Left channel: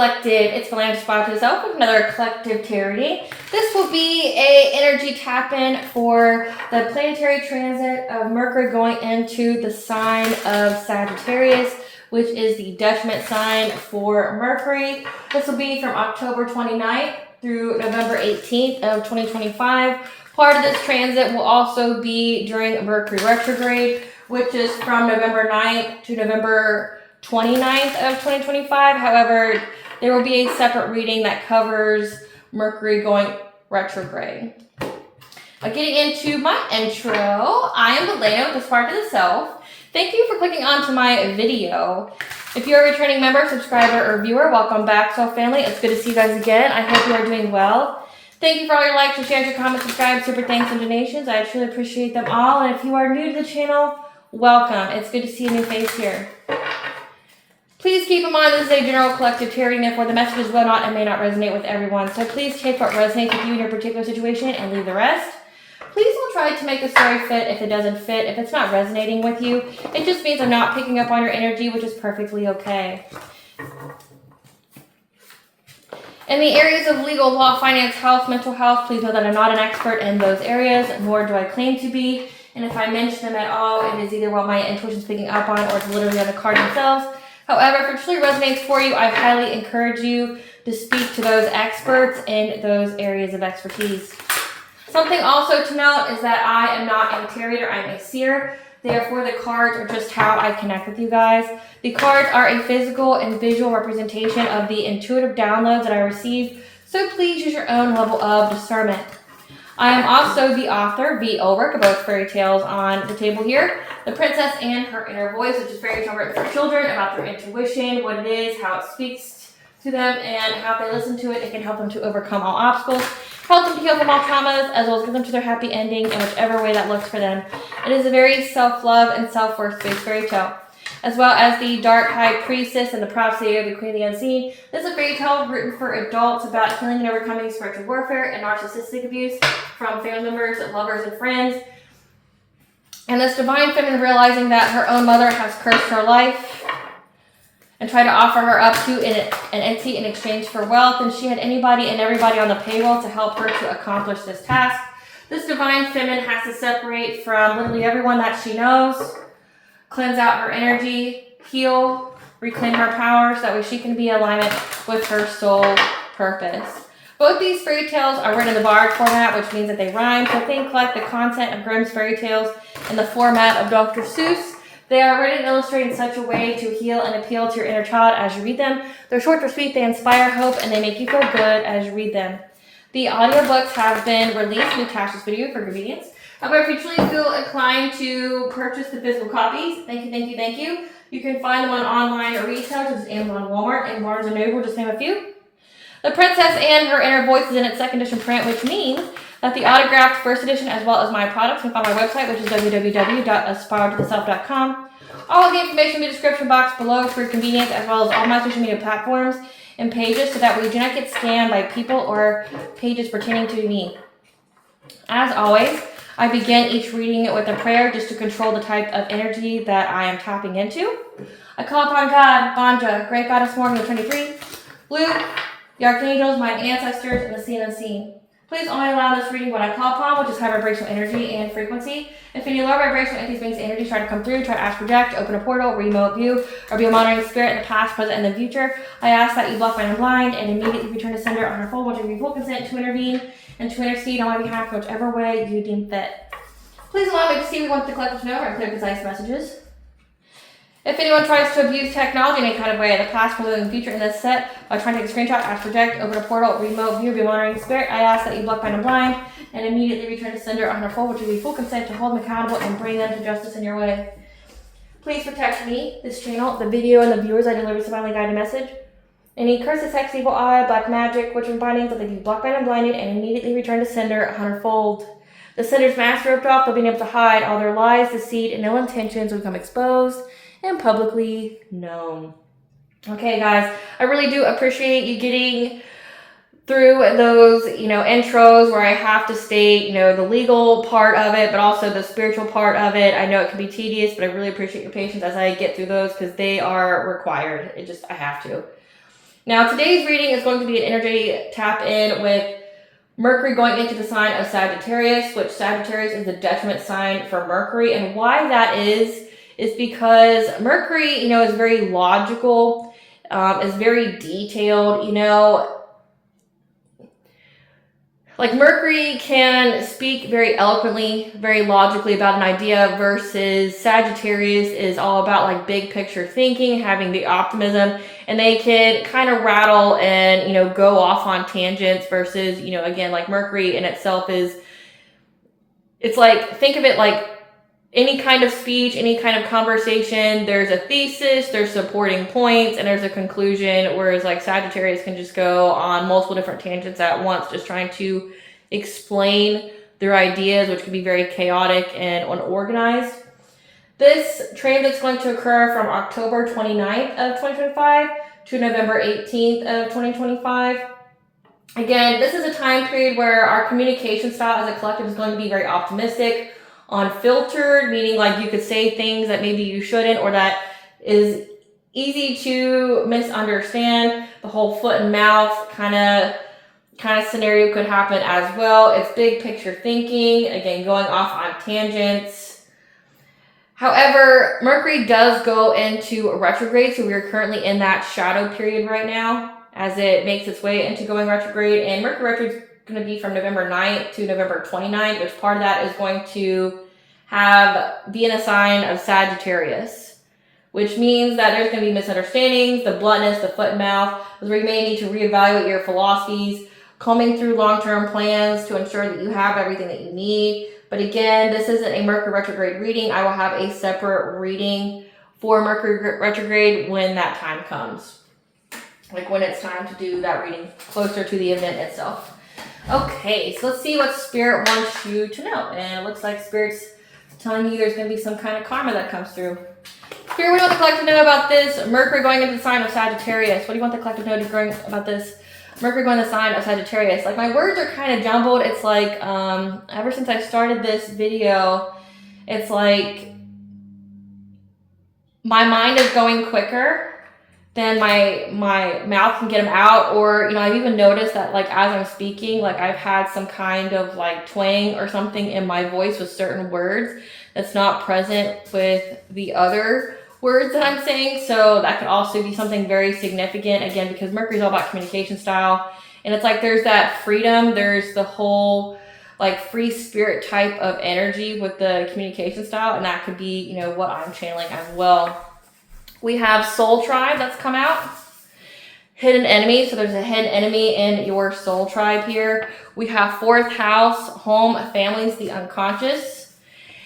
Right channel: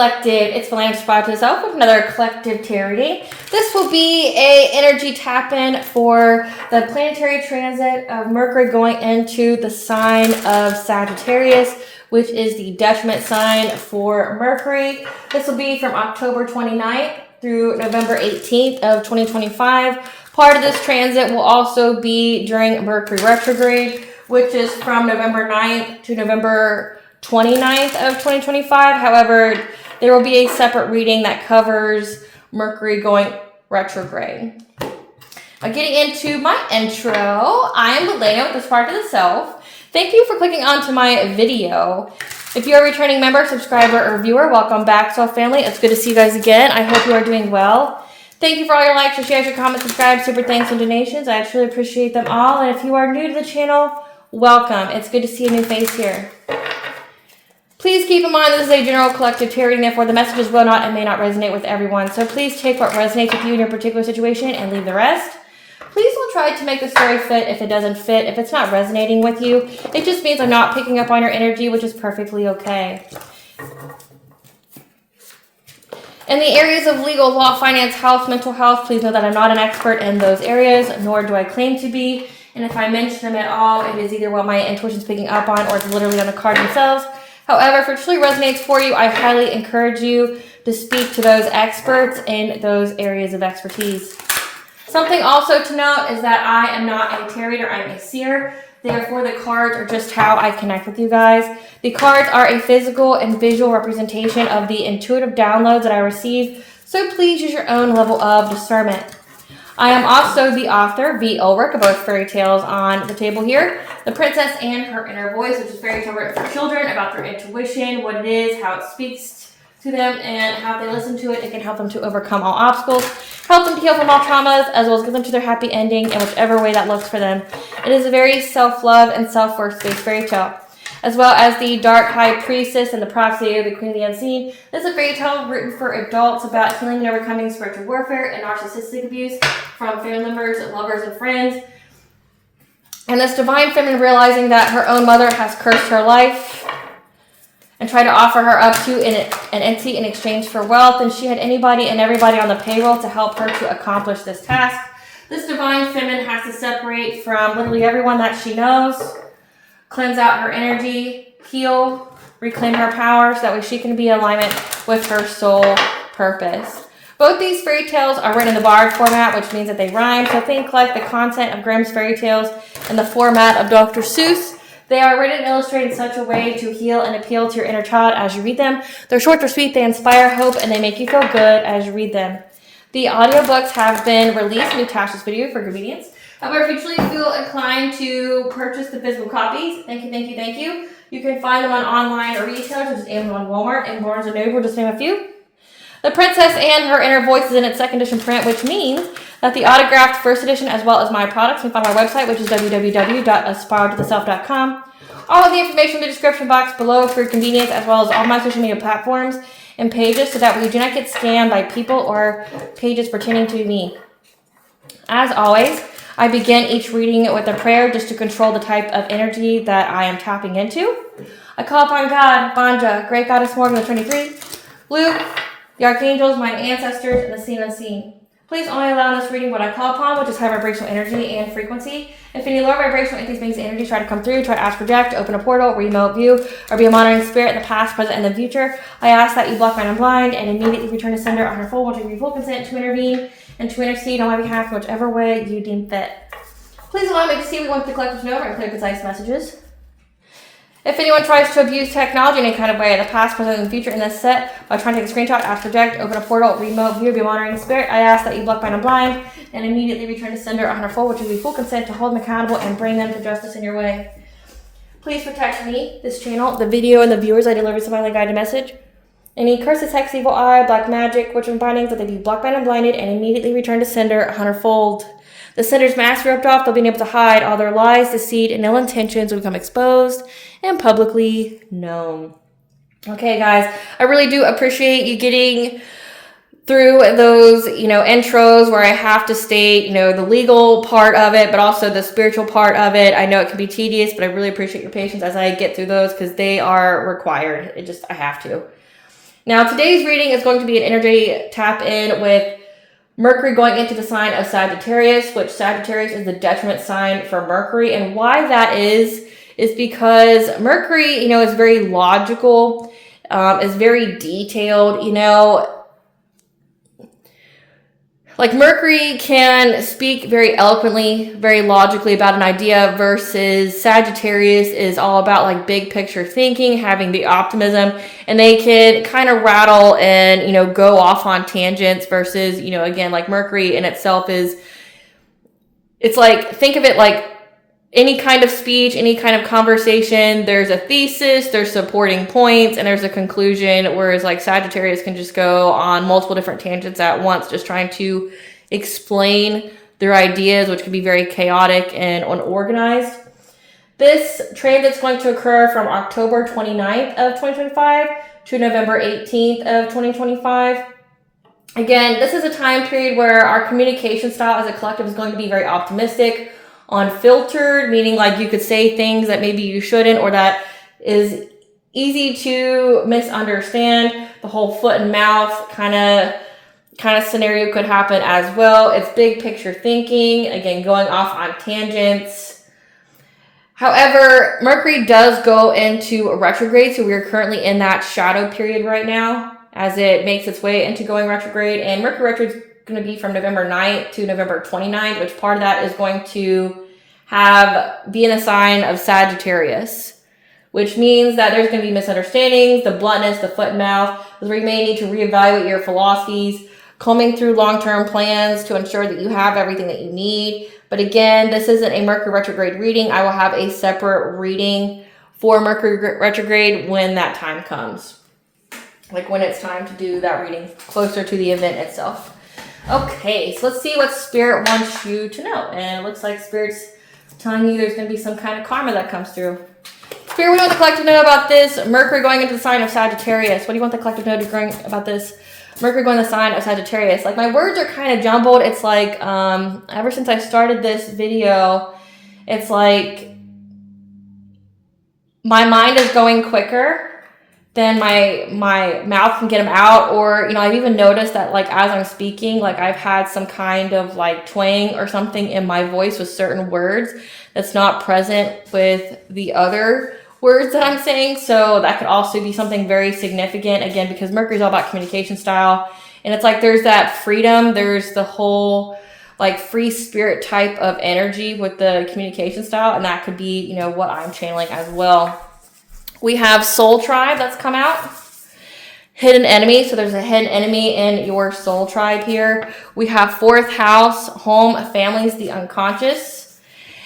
collective, it's Feline Aspire to the Self with another collective tarot reading. This will be a energy tap-in for the planetary transit of Mercury going into the sign of Sagittarius, which is the detriment sign for Mercury. This will be from October 29th through November 18th of 2025. Part of this transit will also be during Mercury retrograde, which is from November 9th to November 29th of 2025. However, there will be a separate reading that covers Mercury going retrograde. Getting into my intro, I am Delana with Aspire to the Self. Thank you for clicking onto my video. If you're a returning member, subscriber, or viewer, welcome back to our family. It's good to see you guys again. I hope you are doing well. Thank you for all your likes, your shares, your comments, subscribes, super thanks, and donations. I truly appreciate them all. And if you are new to the channel, welcome. It's good to see a new face here. Please keep in mind this is a general collective tarot reading, therefore the messages will not and may not resonate with everyone. So please take what resonates with you in your particular situation and leave the rest. Please don't try to make the story fit if it doesn't fit. If it's not resonating with you, it just means I'm not picking up on your energy, which is perfectly okay. In the areas of legal, law, finance, health, mental health, please know that I'm not an expert in those areas, nor do I claim to be. And if I mention them at all, it is either what my intuition's picking up on or it's literally on the card themselves. However, if it truly resonates for you, I highly encourage you to speak to those experts in those areas of expertise. Something also to note is that I am not a tarot reader, I'm a seer. Therefore, the cards are just how I connect with you guys. The cards are a physical and visual representation of the intuitive downloads that I receive, so please use your own level of discernment. I am also the author, V. Ulrich, of both fairy tales on the table here. The Princess and Her Inner Voice, which is fairy tale written for children about their intuition, what it is, how it speaks to them, and how if they listen to it, it can help them to overcome all obstacles, help them to heal from all traumas, as well as get them to their happy ending in whichever way that looks for them. It is a very self-love and self-worth-based fairy tale. As well as the Dark High Priestess and the Prophecy of the Queen of the Unseen. This is a fairy tale written for adults about healing and overcoming spiritual warfare and narcissistic abuse from family members, lovers, and friends. And this divine feminine realizing that her own mother has cursed her life and tried to offer her up to an entity in exchange for wealth, and she had anybody and everybody on the payroll to help her to accomplish this task. This divine feminine has to separate from literally everyone that she knows, cleanse out her energy, heal, reclaim her power so that way she can be in alignment with her soul purpose. Both these fairy tales are written in the barred format, which means that they rhyme. So think like the content of Grimm's fairy tales in the format of Dr. Seuss. They are written and illustrated in such a way to heal and appeal to your inner child as you read them. They're short, they're sweet, they inspire hope, and they make you feel good as you read them. The audiobooks have been released and attached this video for convenience. However, if you truly feel inclined to purchase the physical copies, thank you. You can find them on online or retailers such as Amazon, Walmart, and Barnes & Noble, just to name a few. The Princess and Her Inner Voice is in its second edition print, which means that the autographed first edition, as well as my products, you can find my website, which is www.aspiraltotheself.com. All of the information in the description box below for your convenience, as well as all my social media platforms and pages, so that we do not get scammed by people or pages pertaining to me. As always, I begin each reading with a prayer just to control the type of energy that I am tapping into. I call upon God, Banja, Great Goddess Morgan, the Trinity, Luke, the archangels, my ancestors, and the seen unseen. Please only allow this reading what I call upon, which is high vibrational energy and frequency. If any low vibrational entities, beings, energies try to come through, try to ask, project, open a portal, remote view, or be a monitoring spirit in the past, present, and the future, I ask that you block, mind, and blind, and immediately return to sender on her full, which will be full consent to intervene and to intercede on my behalf in whichever way you deem fit. Please allow me to see what we want the collective to know and clear, concise messages. If anyone tries to abuse technology in any kind of way, the past, present, and the future in this set, by trying to take a screenshot, ask, project, open a portal, remote view, be a monitoring spirit, I ask that you block, mind, and blind, and immediately return to sender on her full, which will be full consent to hold them accountable and bring them to justice in your way. Please protect me, this channel, the video, and the viewers I deliver this divinely guided message. Any curses, hex, evil eye, black magic, witch and bindings, that they be blocked, bound, and blinded, and immediately return to sender on her fold. The sender's mask ripped off, they'll be able to hide all their lies, deceit, and ill intentions will become exposed and publicly known. Okay, guys, I really do appreciate you getting through those, intros where I have to state, the legal part of it, but also the spiritual part of it. I know it can be tedious, but I really appreciate your patience as I get through those because they are required. I have to. Now, today's reading is going to be an energy tap in with Mercury going into the sign of Sagittarius, which Sagittarius is the detriment sign for Mercury. And why that is because Mercury, is very logical, is very detailed, like Mercury can speak very eloquently, very logically about an idea versus Sagittarius is all about like big picture thinking, having the optimism, and they can kind of rattle and, go off on tangents versus, again, like Mercury in itself it's like, think of it like any kind of speech, any kind of conversation, there's a thesis, there's supporting points, and there's a conclusion, whereas like Sagittarius can just go on multiple different tangents at once, just trying to explain their ideas, which can be very chaotic and unorganized. This transit's going to occur from October 29th of 2025 to November 18th of 2025. Again, this is a time period where our communication style as a collective is going to be very optimistic, unfiltered, meaning like you could say things that maybe you shouldn't, or that is easy to misunderstand. The whole foot and mouth kind of scenario could happen as well. It's big picture thinking, again, going off on tangents. However, Mercury does go into a retrograde, so we're currently in that shadow period right now as it makes its way into going retrograde, and Mercury retrograde is going to be from November 9th to November 29th, which part of that is going to be in a sign of Sagittarius, which means that there's going to be misunderstandings, the bluntness, the foot and mouth, where you may need to reevaluate your philosophies, combing through long-term plans to ensure that you have everything that you need. But again, this isn't a Mercury retrograde reading. I will have a separate reading for Mercury retrograde when that time comes, like when it's time to do that reading closer to the event itself. Okay, so let's see what Spirit wants you to know. And it looks like Spirit's telling you there's going to be some kind of karma that comes through. Spirit, what do you want the collective to know about this? Mercury going into the sign of Sagittarius. What do you want the collective to know about this? Mercury going to the sign of Sagittarius. Like, my words are kind of jumbled. It's like, ever since I started this video, it's like my mind is going quicker then my mouth can get them out, or I've even noticed that like as I'm speaking, like I've had some kind of like twang or something in my voice with certain words that's not present with the other words that I'm saying. So that could also be something very significant, again, because Mercury is all about communication style, and it's like there's that freedom, there's the whole like free spirit type of energy with the communication style, and that could be what I'm channeling as well. We have Soul Tribe that's come out. Hidden enemy. So there's a hidden enemy in your soul tribe here. We have fourth house, home, families, the unconscious.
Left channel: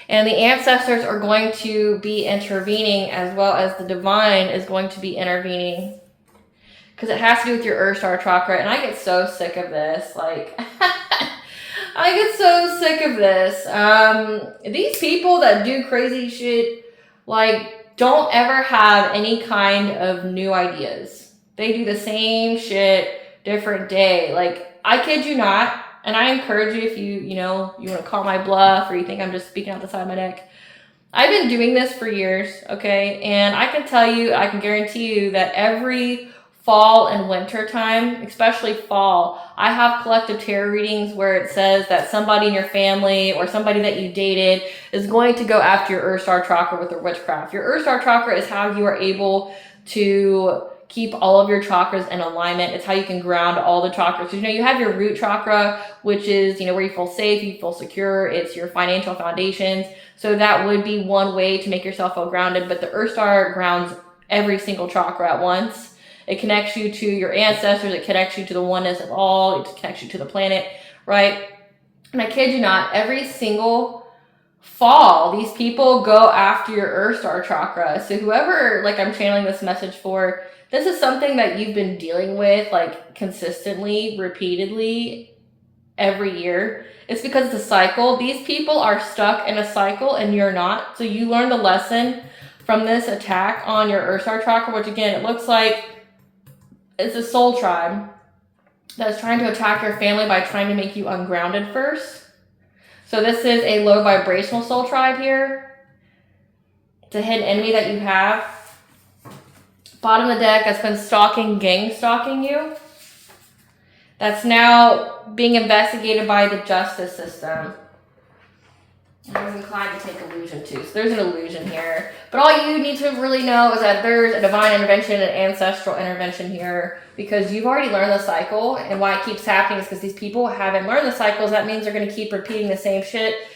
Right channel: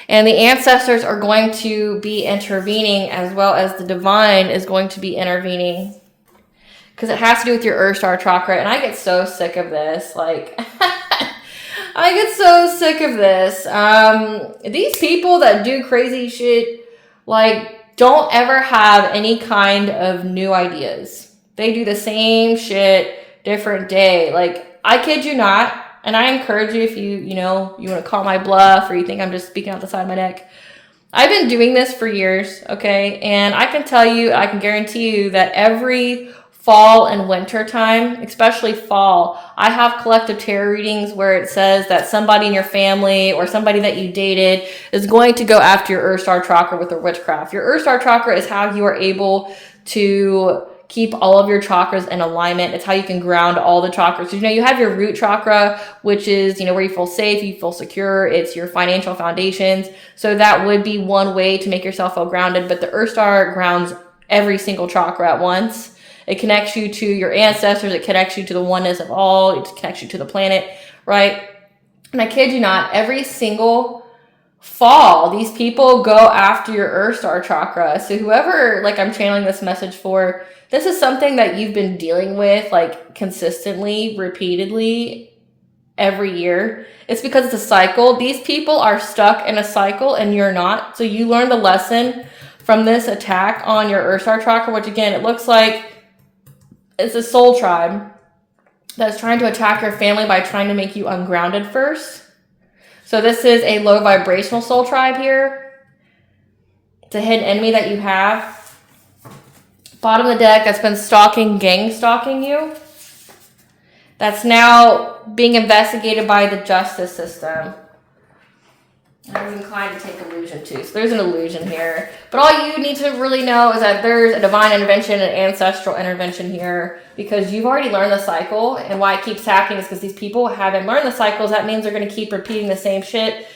And the ancestors are going to be intervening, as well as the divine is going to be intervening. Because it has to do with your Earth Star chakra. And I get so sick of this. Like, I get so sick of this. These people that do crazy shit, like, don't ever have any kind of new ideas. They do the same shit, different day. Like, I kid you not, and I encourage you, if you want to call my bluff, or you think I'm just speaking out the side of my neck. I've been doing this for years, okay? And I can tell you, I can guarantee you that every fall and winter time, especially fall, I have collective tarot readings where it says that somebody in your family or somebody that you dated is going to go after your Earth Star chakra with a witchcraft. Your Earth Star chakra is how you are able to keep all of your chakras in alignment. It's how you can ground all the chakras. So, you have your root chakra, which is, where you feel safe, you feel secure. It's your financial foundations. So that would be one way to make yourself feel grounded. But the Earth Star grounds every single chakra at once. It connects you to your ancestors. It connects you to the oneness of all. It connects you to the planet, right? And I kid you not, every single fall, these people go after your Earth Star chakra. So whoever, like, I'm channeling this message for, this is something that you've been dealing with, like, consistently, repeatedly, every year. It's because it's a cycle. These people are stuck in a cycle and you're not. So you learn the lesson from this attack on your Earth Star chakra, which again, it looks like it's a soul tribe that's trying to attack your family by trying to make you ungrounded first. So this is a low vibrational soul tribe here. It's a hidden enemy that you have. Bottom of the deck that's been gang stalking you. That's now being investigated by the justice system. I'm inclined to take illusion too. So there's an illusion here. But all you need to really know is that there's a divine intervention and ancestral intervention here, because you've already learned the cycle. And why it keeps happening is because these people haven't learned the cycles. That means they're going to keep repeating the same shit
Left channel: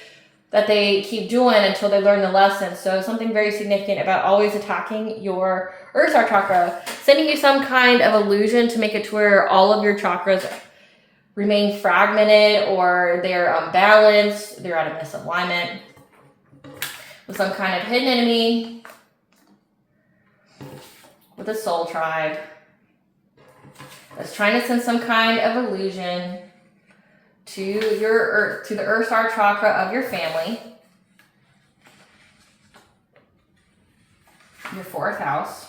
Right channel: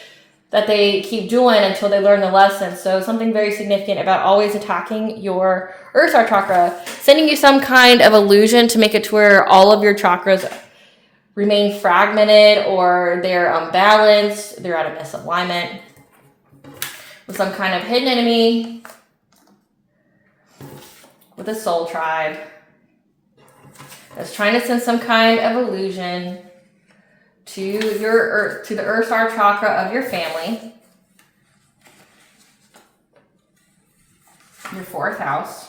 that they keep doing until they learn the lesson. So something very significant about always attacking your Earth Star chakra, sending you some kind of illusion to make it to where all of your chakras remain fragmented, or they're unbalanced, they're out of misalignment with some kind of hidden enemy, with a soul tribe that's trying to send some kind of illusion to the Earth Star chakra of your family, your 4th house.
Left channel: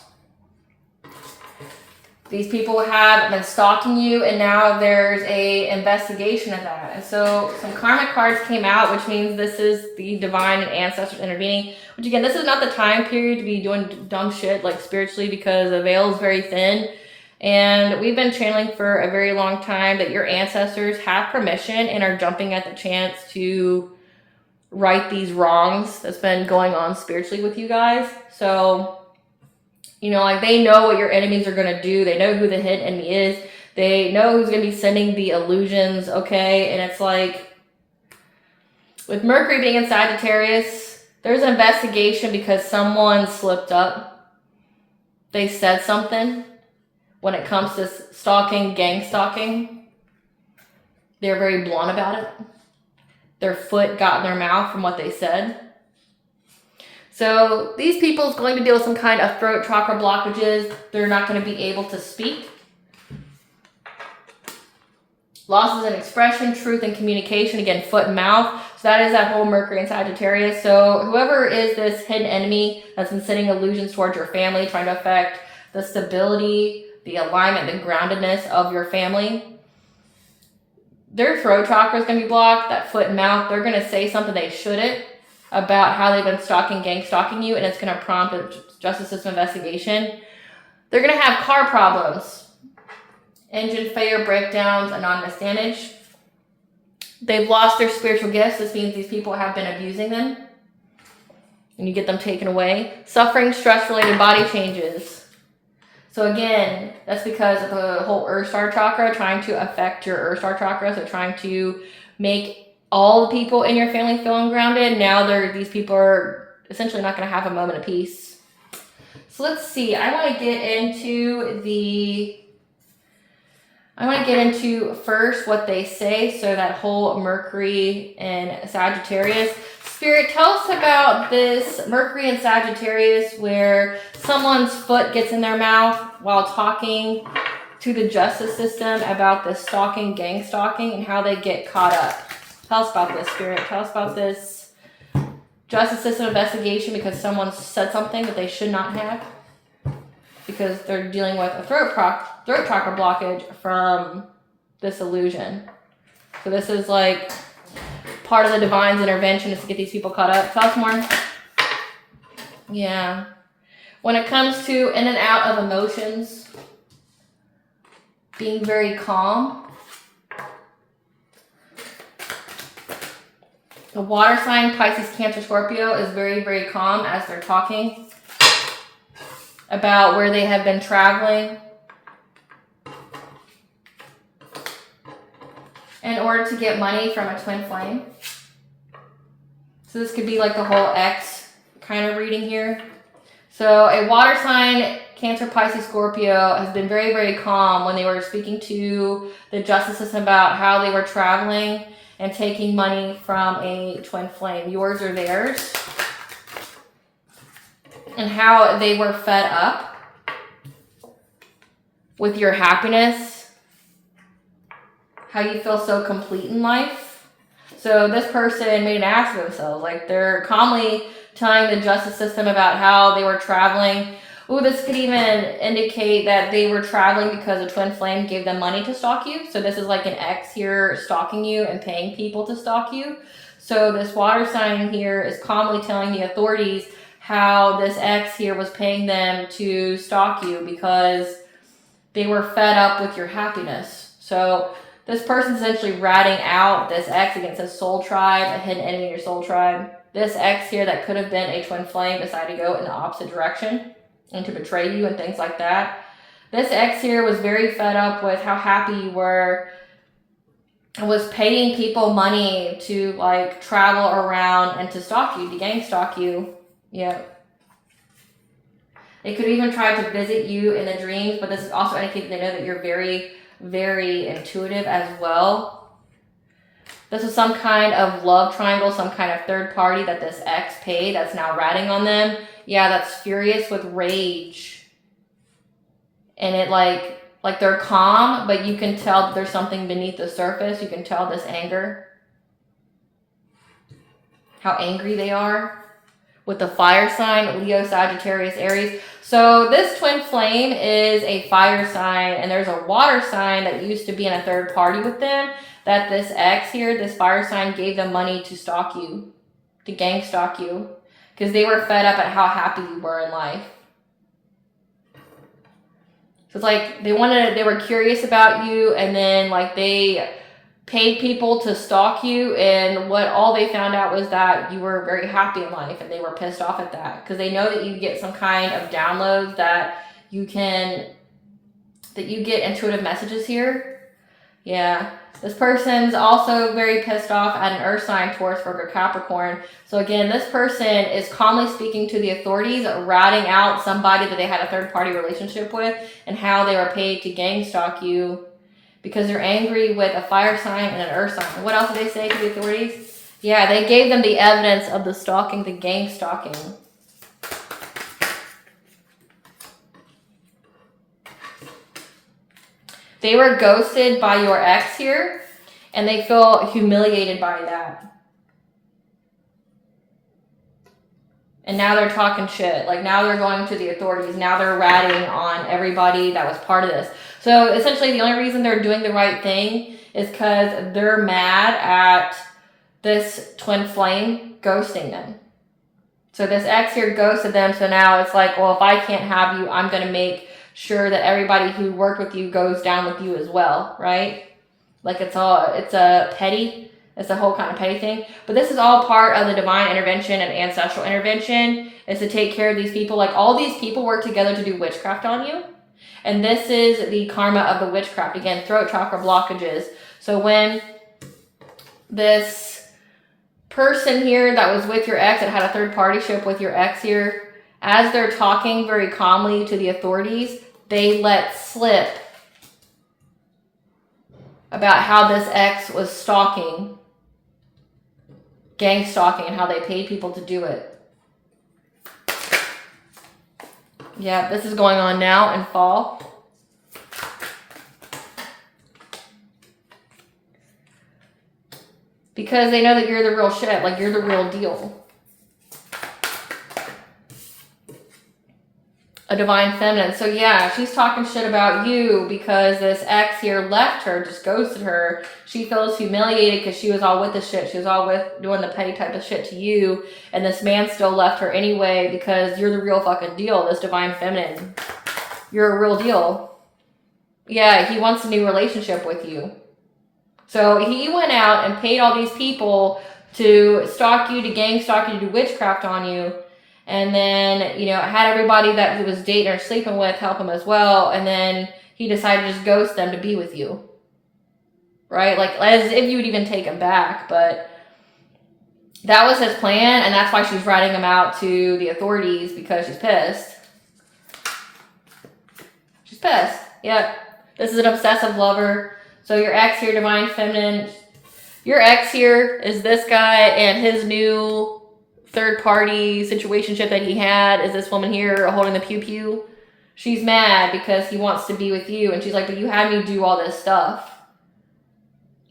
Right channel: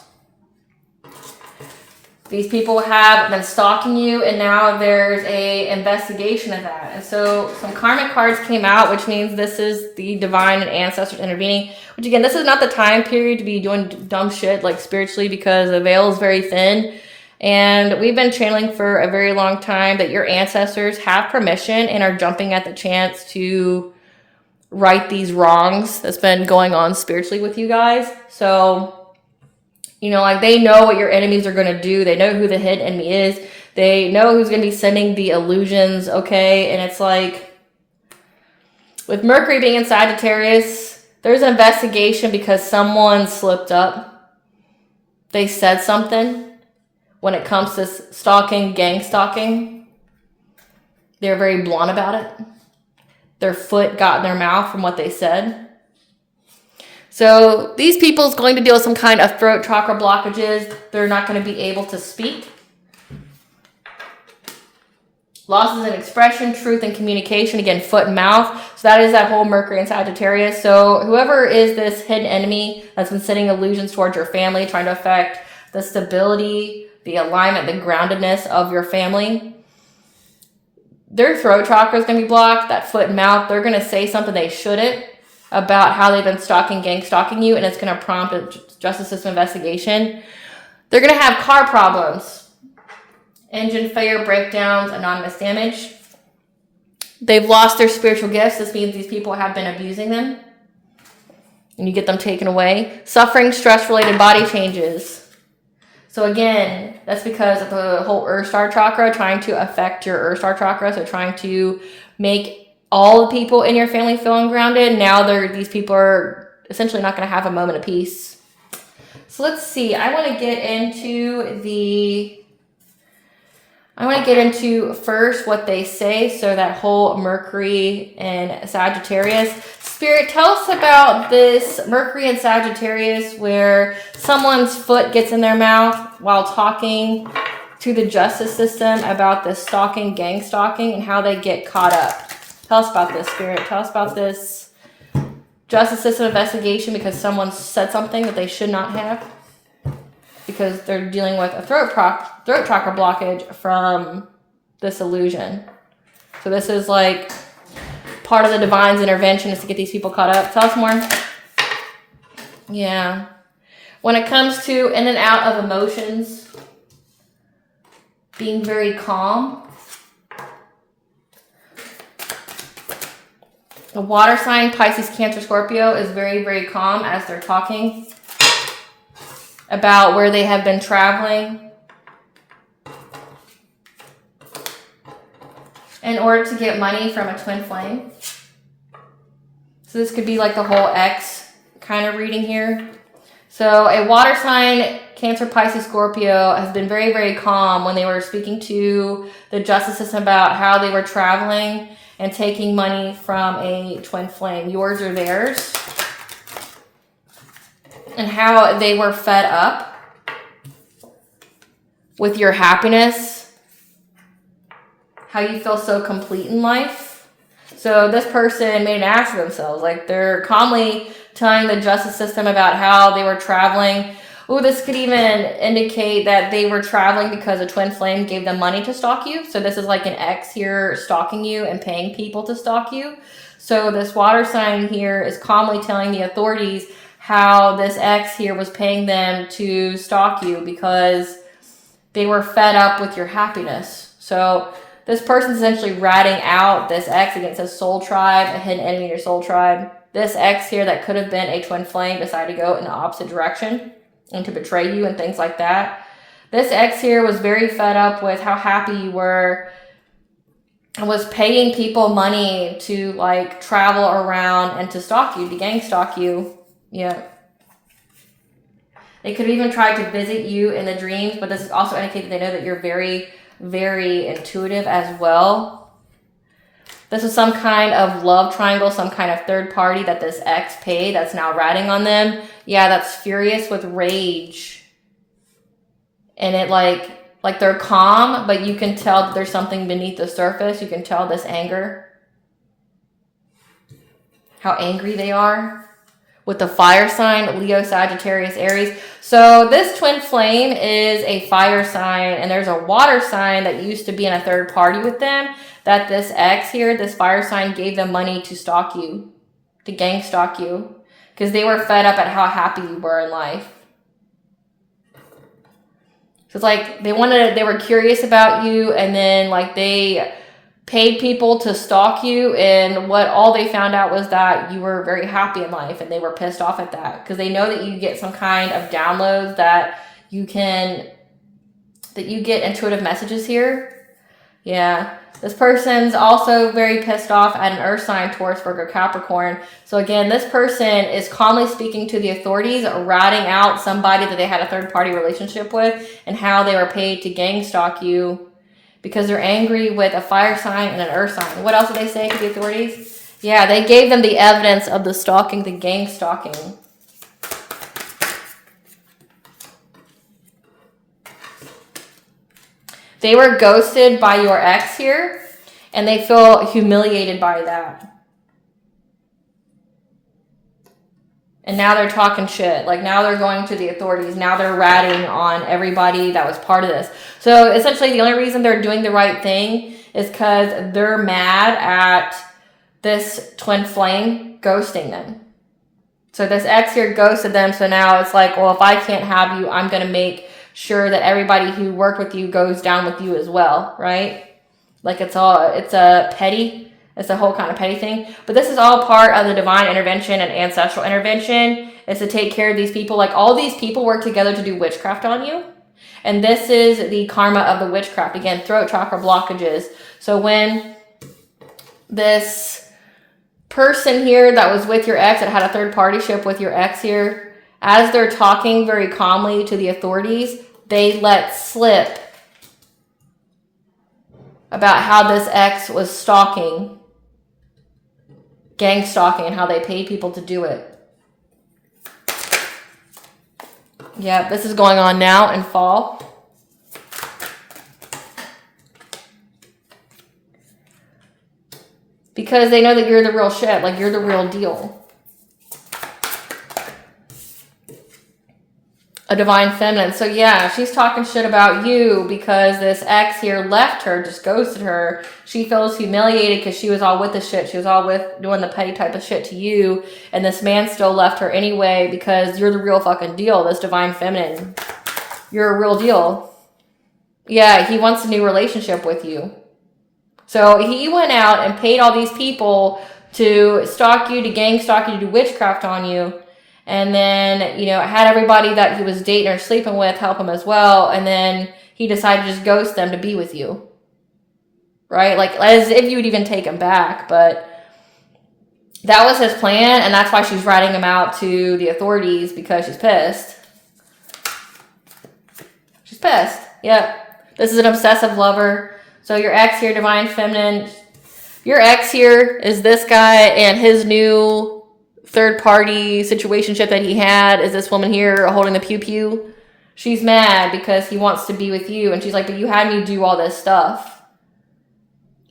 These people have been stalking you, and now there's a investigation of that. And so some karmic cards came out, which means this is the divine and ancestors intervening. Which again, this is not the time period to be doing dumb shit like spiritually, because the veil is very thin. And we've been channeling for a very long time that your ancestors have permission and are jumping at the chance to right these wrongs that's been going on spiritually with you guys. So, you know, like, they know what your enemies are going to do. They know who the hidden enemy is. They know who's going to be sending the illusions, okay? And it's like, with Mercury being in Sagittarius, there's an investigation because someone slipped up. They said something. When it comes to stalking, gang stalking, they're very blunt about it. Their foot got in their mouth from what they said. So these people's going to deal with some kind of throat chakra blockages. They're not going to be able to speak. Losses in expression, truth, and communication. Again, foot and mouth. So that is that whole Mercury and Sagittarius. So whoever is this hidden enemy that's been sending illusions towards your family, trying to affect the stability, the alignment, the groundedness of your family, their throat chakra is going to be blocked, that foot and mouth. They're going to say something they shouldn't about how they've been gang stalking you, and it's going to prompt a justice system investigation. They're going to have car problems, engine failure, breakdowns, anonymous damage. They've lost their spiritual gifts. This means these people have been abusing them, and you get them taken away. Suffering, stress-related body changes. So again, that's because of the whole Earth Star chakra trying to affect your Earth Star chakra. So trying to make all the people in your family feel ungrounded. Now these people are essentially not going to have a moment of peace. So let's see. I want to get into first what they say. So that whole Mercury and Sagittarius. Spirit, tell us about this Mercury and Sagittarius where someone's foot gets in their mouth while talking to the justice system about the stalking, gang stalking, and how they get caught up. Tell us about this, Spirit. Tell us about this justice system investigation because someone said something that they should not have, because they're dealing with a throat chakra blockage from this illusion. So this is like part of the divine's intervention is to get these people caught up. Tell us more. Yeah. When it comes to in and out of emotions, being very calm. The water sign, Pisces, Cancer, Scorpio, is very, very calm as they're talking about where they have been traveling in order to get money from a twin flame. So this could be like the whole X kind of reading here. So a water sign, Cancer, Pisces, Scorpio, has been very, very calm when they were speaking to the justice system about how they were traveling and taking money from a twin flame, yours or theirs, and how they were fed up with your happiness, how you feel so complete in life. So this person made an ass of themselves. Like, they're calmly telling the justice system about how they were traveling. Ooh, this could even indicate that they were traveling because a twin flame gave them money to stalk you. So this is like an ex here stalking you and paying people to stalk you. So this water sign here is calmly telling the authorities how this ex here was paying them to stalk you because they were fed up with your happiness. So this person's essentially ratting out this ex against a soul tribe, a hidden enemy in your soul tribe. This ex here that could have been a twin flame decided to go in the opposite direction and to betray you and things like that. This ex here was very fed up with how happy you were and was paying people money to like travel around and to stalk you, to gang stalk you. Yeah. They could even try to visit you in the dreams, but this is also indicating they know that you're very, very intuitive as well. This is some kind of love triangle, some kind of third party that this ex paid that's now ratting on them. Yeah, that's furious with rage. And it like they're calm, but you can tell that there's something beneath the surface. You can tell this anger. How angry they are. With the fire sign, Leo, Sagittarius, Aries. So this twin flame is a fire sign, and there's a water sign that used to be in a third party with them that this ex here, this fire sign, gave them money to stalk you, to gang stalk you, because they were fed up at how happy you were in life. So it's like they were curious about you, and then like they paid people to stalk you, and all they found out was that you were very happy in life, and they were pissed off at that because they know that you get some kind of downloads that you get intuitive messages here. Yeah. This person's also very pissed off at an earth sign, Taurus, Virgo, Capricorn. So again, this person is calmly speaking to the authorities, ratting out somebody that they had a third party relationship with and how they were paid to gang stalk you because they're angry with a fire sign and an earth sign. What else did they say to the authorities? Yeah, they gave them the evidence of the stalking, the gang stalking. They were ghosted by your ex here, and they feel humiliated by that. And now they're talking shit. Like now they're going to the authorities. Now they're ratting on everybody that was part of this. So essentially the only reason they're doing the right thing is because they're mad at this twin flame ghosting them. So this ex here ghosted them. So now it's like, well, if I can't have you, I'm going to make sure that everybody who worked with you goes down with you as well, right? Like it's a whole kind of petty thing. But this is all part of the divine intervention and ancestral intervention, is to take care of these people. Like all these people work together to do witchcraft on you. And this is the karma of the witchcraft. Again, throat chakra blockages. So when this person here that was with your ex, that had a third partyship with your ex here, as they're talking very calmly to the authorities, they let slip about how this ex was stalking, gang stalking, and how they paid people to do it. Yeah, this is going on now in fall. Because they know that you're the real shit, like you're the real deal. A divine feminine. So yeah, she's talking shit about you because this ex here left her, just ghosted her. She feels humiliated because she was all with the shit. She was all with doing the petty type of shit to you. And this man still left her anyway because you're the real fucking deal, this divine feminine. You're a real deal. Yeah, he wants a new relationship with you. So he went out and paid all these people to stalk you, to gang stalk you, to do witchcraft on you. And then, you know, I had everybody that he was dating or sleeping with help him as well. And then he decided to just ghost them to be with you. Right? Like, as if you would even take him back. But that was his plan. And that's why she's writing him out to the authorities, because she's pissed. She's pissed. Yep. This is an obsessive lover. So your ex here, divine feminine. Your ex here is this guy, and his new third party situationship that he had is this woman here holding the pew pew. She's mad because he wants to be with you, and she's like, but you had me do all this stuff.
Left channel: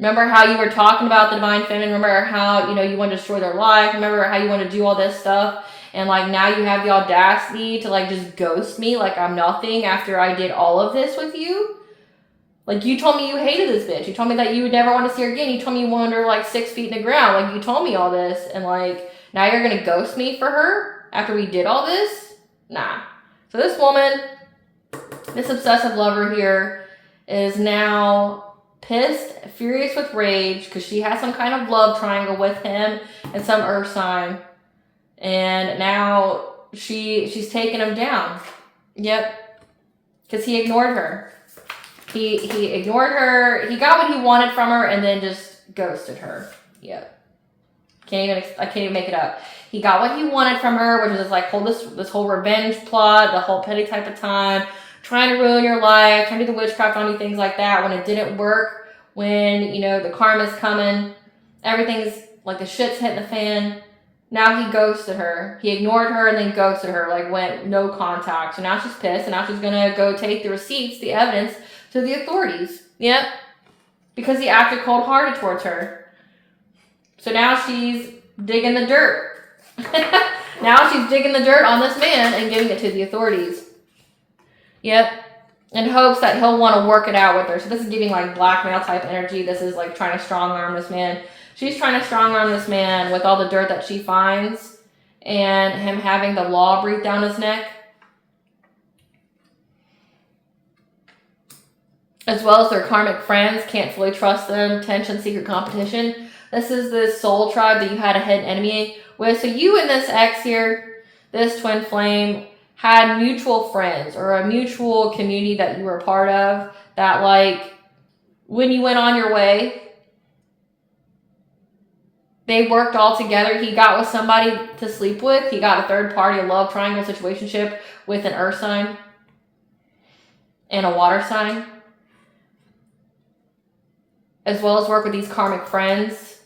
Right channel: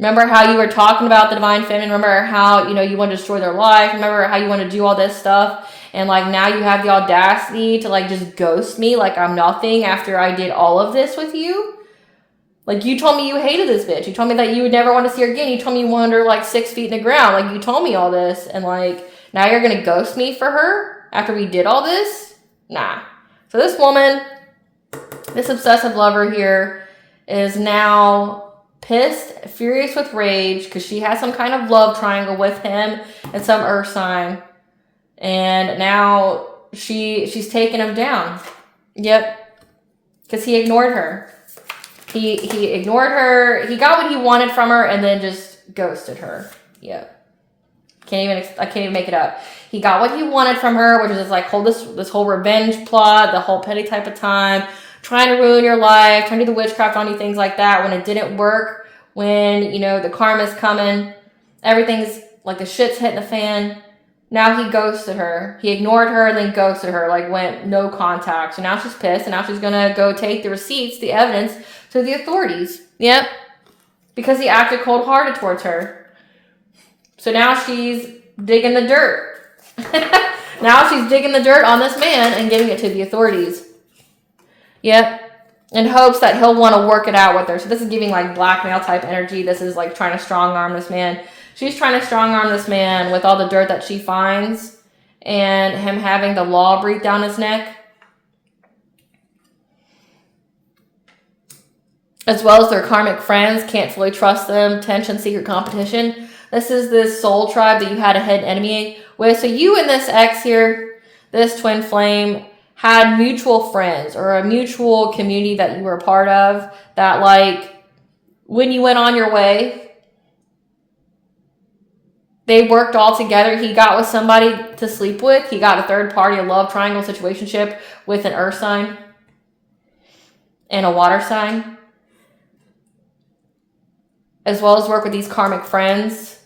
Remember how you were talking about the divine feminine? Remember how, you know, you want to destroy their life? Remember how you want to do all this stuff? And like now you have the audacity to like just ghost me like I'm nothing after I did all of this with you? Like, you told me you hated this bitch. You told me that you would never want to see her again. You told me you wanted her like 6 feet in the ground. Like, you told me all this, and like now you're gonna ghost me for her? after we did all this? Nah. So this woman, this obsessive lover here, is now pissed, furious with rage, because she has some kind of love triangle with him and some earth sign. And now she's taking him down. Yep. Because he ignored her. He ignored her. He got what he wanted from her and then just ghosted her. Yep. I can't even make it up. He got what he wanted from her, which is like this whole revenge plot, the whole petty type of time, trying to ruin your life, trying to do the witchcraft on you, things like that. When it didn't work, when, you know, the karma's coming, everything's like the shit's hitting the fan. Now he ghosted her. He ignored her and then ghosted her, like went no contact. So now she's pissed and now she's gonna go take the receipts, the evidence, to the authorities. Yep. Because he acted cold-hearted towards her. So now she's digging the dirt. Now she's digging the dirt on this man and giving it to the authorities. Yep. In hopes that he'll want to work it out with her. So this is giving like blackmail type energy. This is like trying to strong arm this man. She's trying to strong arm this man with all the dirt that she finds and him having the law breathe down his neck. As well as their karmic friends, can't fully trust them, tension, secret competition. This is this soul tribe that you had a hidden enemy with. So you and this ex here, this twin flame, had mutual friends or a mutual community that you were a part of that, like, when you went on your way, they worked all together. He got with somebody to sleep with. He got a third party, a love triangle situationship with an earth sign and a water sign. As well as work with these karmic friends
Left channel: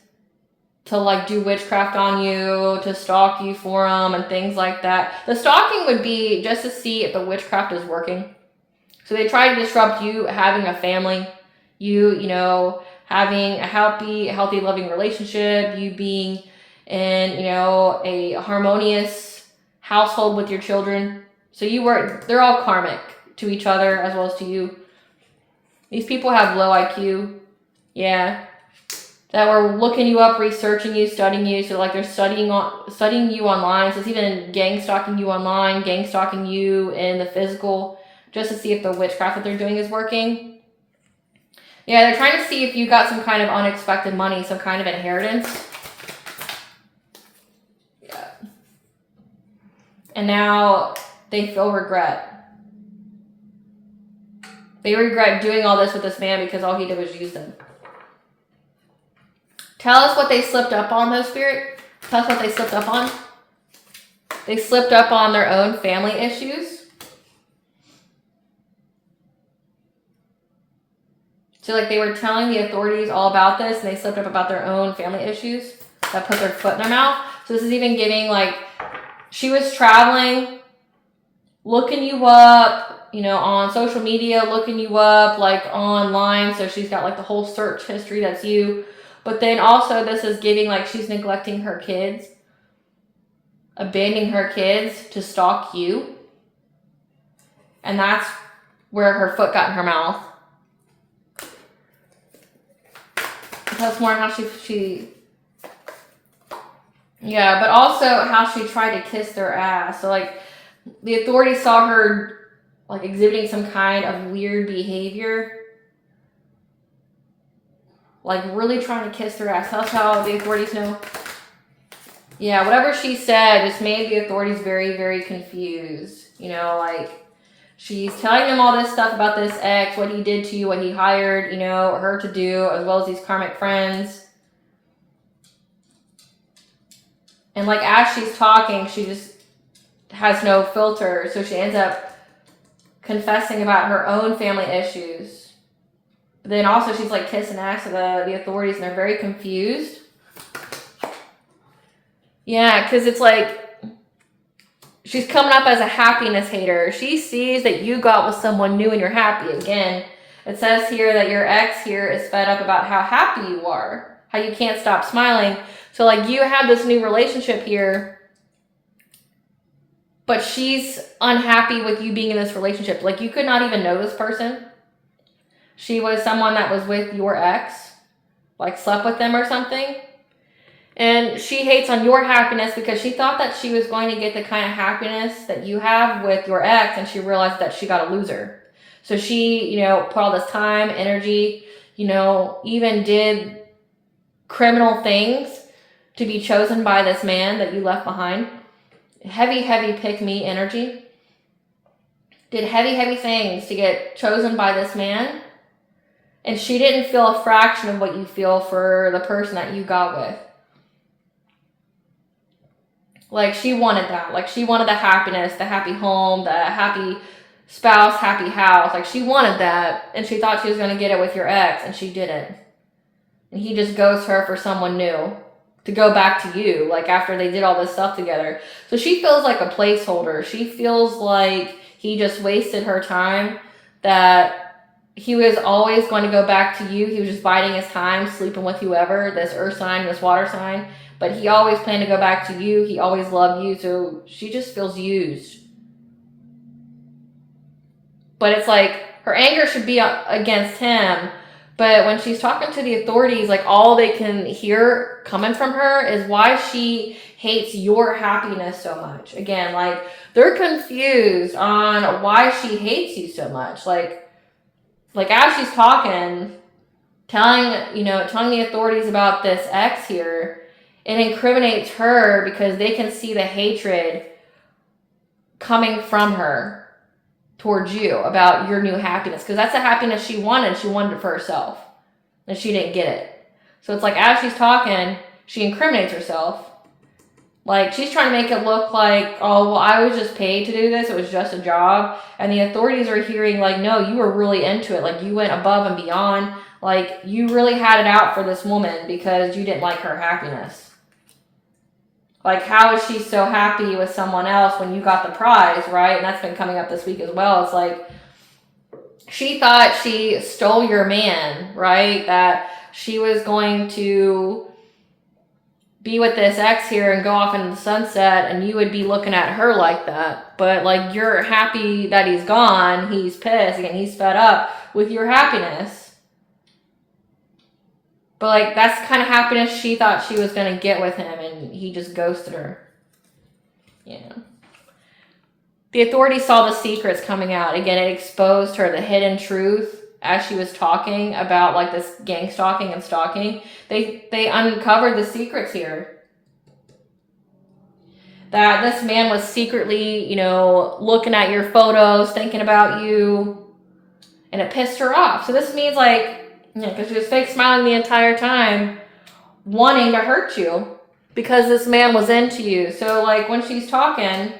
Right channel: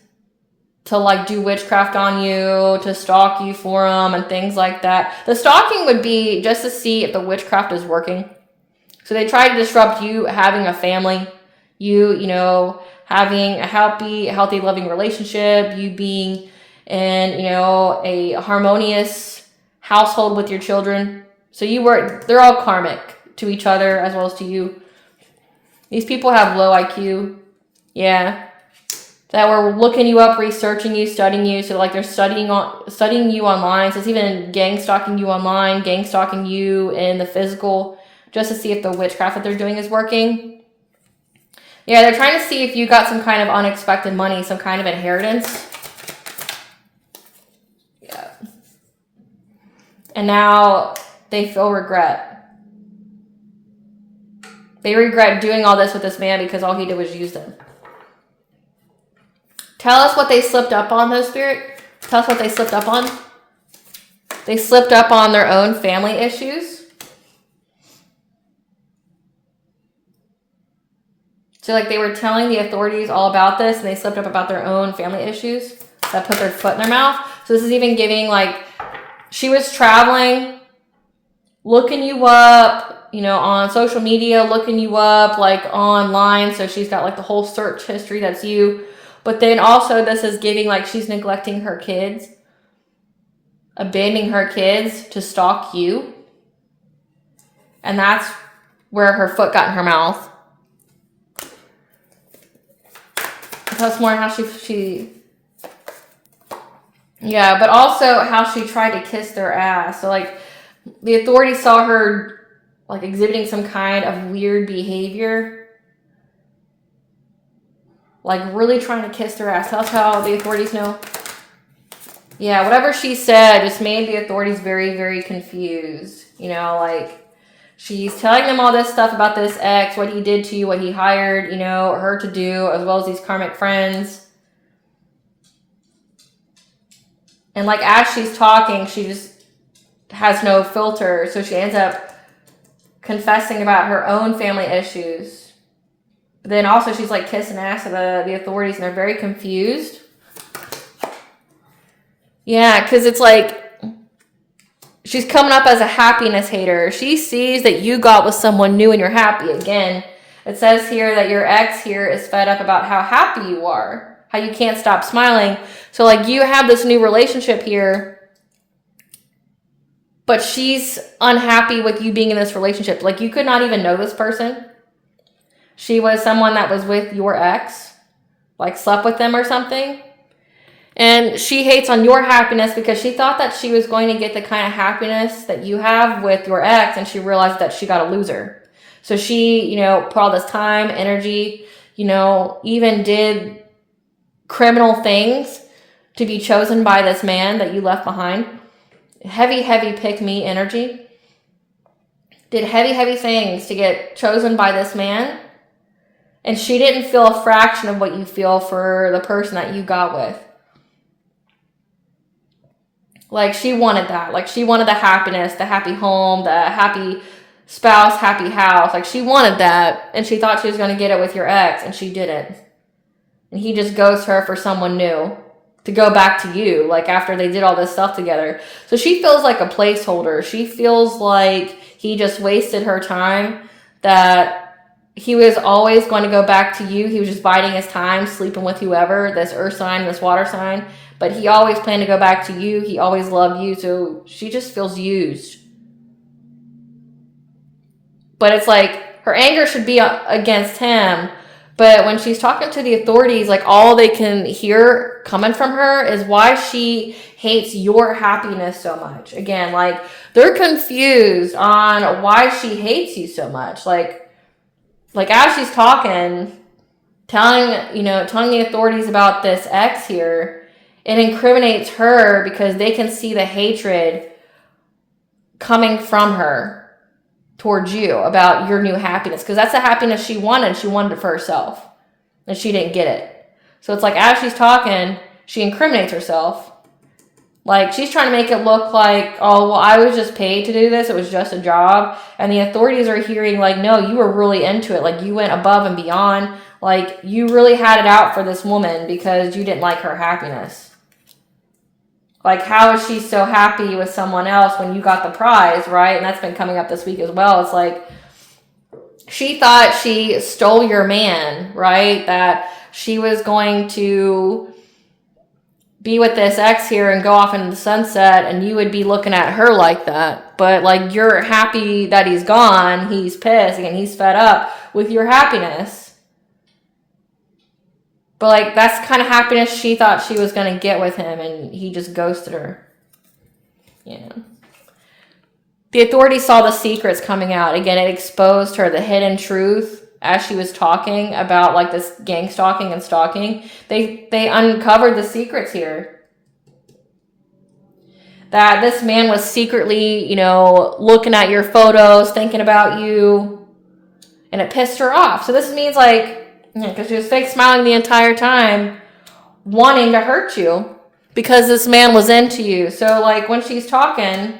to like do witchcraft on you, to stalk you for them and things like that. The stalking would be just to see if the witchcraft is working. So they try to disrupt you having a family, you know, having a healthy, loving relationship, you being in, you know, a harmonious household with your children. So they're all karmic to each other as well as to you. These people have low IQ. Yeah. That were looking you up, researching you, studying you. So like they're studying you online. So it's even gang stalking you online, gang stalking you in the physical, just to see if the witchcraft that they're doing is working. Yeah, they're trying to see if you got some kind of unexpected money, some kind of inheritance. Yeah. And now they feel regret. They regret doing all this with this man because all he did was use them. Tell us what they slipped up on, though, Spirit. Tell us what they slipped up on. They slipped up on their own family issues. So, like, they were telling the authorities all about this, and they slipped up about their own family issues that put their foot in their mouth. So this is even giving, like, she was traveling, looking you up, you know, on social media, looking you up, like, online. So she's got, like, the whole search history that's you. But then also this is giving like she's neglecting her kids, abandoning her kids to stalk you. And that's where her foot got in her mouth. That's more how she yeah, but also how she tried to kiss their ass. So like the authorities saw her like exhibiting some kind of weird behavior. Like, really trying to kiss their ass. That's how the authorities know. Yeah, whatever she said just made the authorities very, very confused. You know, like, she's telling them all this stuff about this ex, what he did to you, what he hired, you know, her to do, as well as these karmic friends. And, like, as she's talking, she just has no filter. So she ends up confessing about her own family issues. But then also she's like kissing ass to the authorities and they're very confused. Yeah, because it's like she's coming up as a happiness hater. She sees that you got with someone new and you're happy. Again, it says here that your ex here is fed up about how happy you are, how you can't stop smiling. So like you have this new relationship here, but she's unhappy with you being in this relationship. Like you could not even know this person. She was someone that was with your ex, like slept with them or something. And she hates on your happiness because she thought that she was going to get the kind of happiness that you have with your ex, and she realized that she got a loser. So she, you know, put all this time, energy, you know, even did criminal things to be chosen by this man that you left behind. Heavy, heavy pick me energy. Did heavy, heavy things to get chosen by this man. And she didn't feel a fraction of what you feel for the person that you got with. Like, she wanted that. Like, she wanted the happiness, the happy home, the happy spouse, happy house. Like, she wanted that, and she thought she was going to get it with your ex, and she didn't. And he just ghosted her for someone new to go back to you, like, after they did all this stuff together. So she feels like a placeholder. She feels like he just wasted her time, that he was always going to go back to you. He was just biding his time, sleeping with whoever, this earth sign, this water sign. But he always planned to go back to you. He always loved you. So she just feels used. But it's like her anger should be against him. But when she's talking to the authorities, like, all they can hear coming from her is why she hates your happiness so much. Again, like, they're confused on why she hates you so much. Like as she's talking, telling the authorities about this ex here, it incriminates her because they can see the hatred coming from her towards you about your new happiness. Because that's the happiness she wanted. She wanted it for herself. And she didn't get it. So it's like, as she's talking, she incriminates herself. Like, she's trying to make it look like, oh, well, I was just paid to do this. It was just a job. And the authorities are hearing, like, no, you were really into it. Like, you went above and beyond. Like, you really had it out for this woman because you didn't like her happiness. Like, how is she so happy with someone else when you got the prize, right? And that's been coming up this week as well. It's like, she thought she stole your man, right? That she was going to be with this ex here and go off into the sunset, and you would be looking at her like that. But, like, you're happy that he's gone. He's pissed, and he's fed up with your happiness. But, like, that's the kind of happiness she thought she was going to get with him, and he just ghosted her. Yeah. The authorities saw the secrets coming out. Again, it exposed her, the hidden truth, as she was talking about, like, this gang stalking and stalking. They uncovered the secrets here. That this man was secretly, you know, looking at your photos, thinking about you, and it pissed her off. So this means, like, because she was fake smiling the entire time, wanting to hurt you because this man was into you. So, like, when she's talking,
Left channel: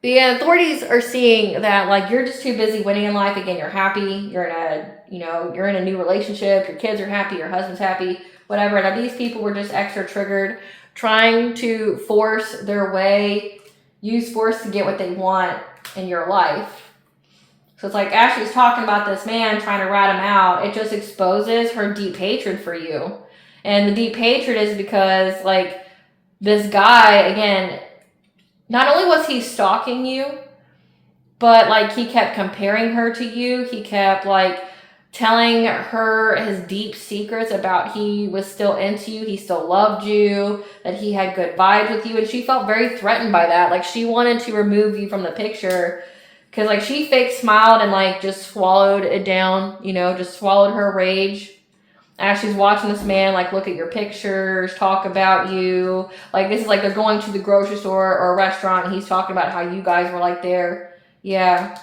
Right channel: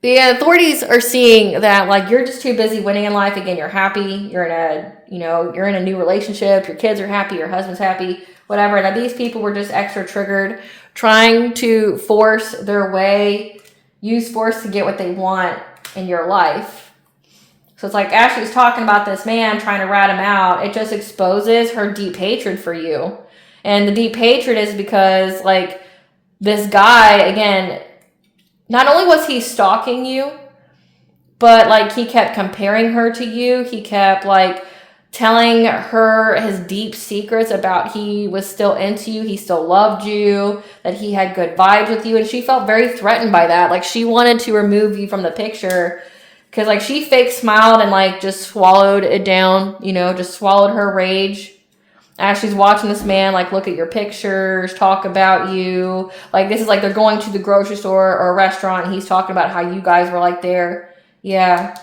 the authorities are seeing that, like, you're just too busy winning in life. Again, you're happy. You're in a new relationship. Your kids are happy. Your husband's happy. Whatever. That these people were just extra triggered, trying to force their way, use force to get what they want in your life. So it's like, as she's talking about this man, trying to rat him out, it just exposes her deep hatred for you. And the deep hatred is because, like, this guy, again, not only was he stalking you, but, like, he kept comparing her to you. He kept, like, telling her his deep secrets about he was still into you, he still loved you, that he had good vibes with you. And she felt very threatened by that. Like, she wanted to remove you from the picture. Because, like, she fake smiled and, like, just swallowed it down, you know, just swallowed her rage. As she's watching this man, like, look at your pictures, talk about you. Like, this is like they're going to the grocery store or a restaurant, and he's talking about how you guys were, like, there. Yeah.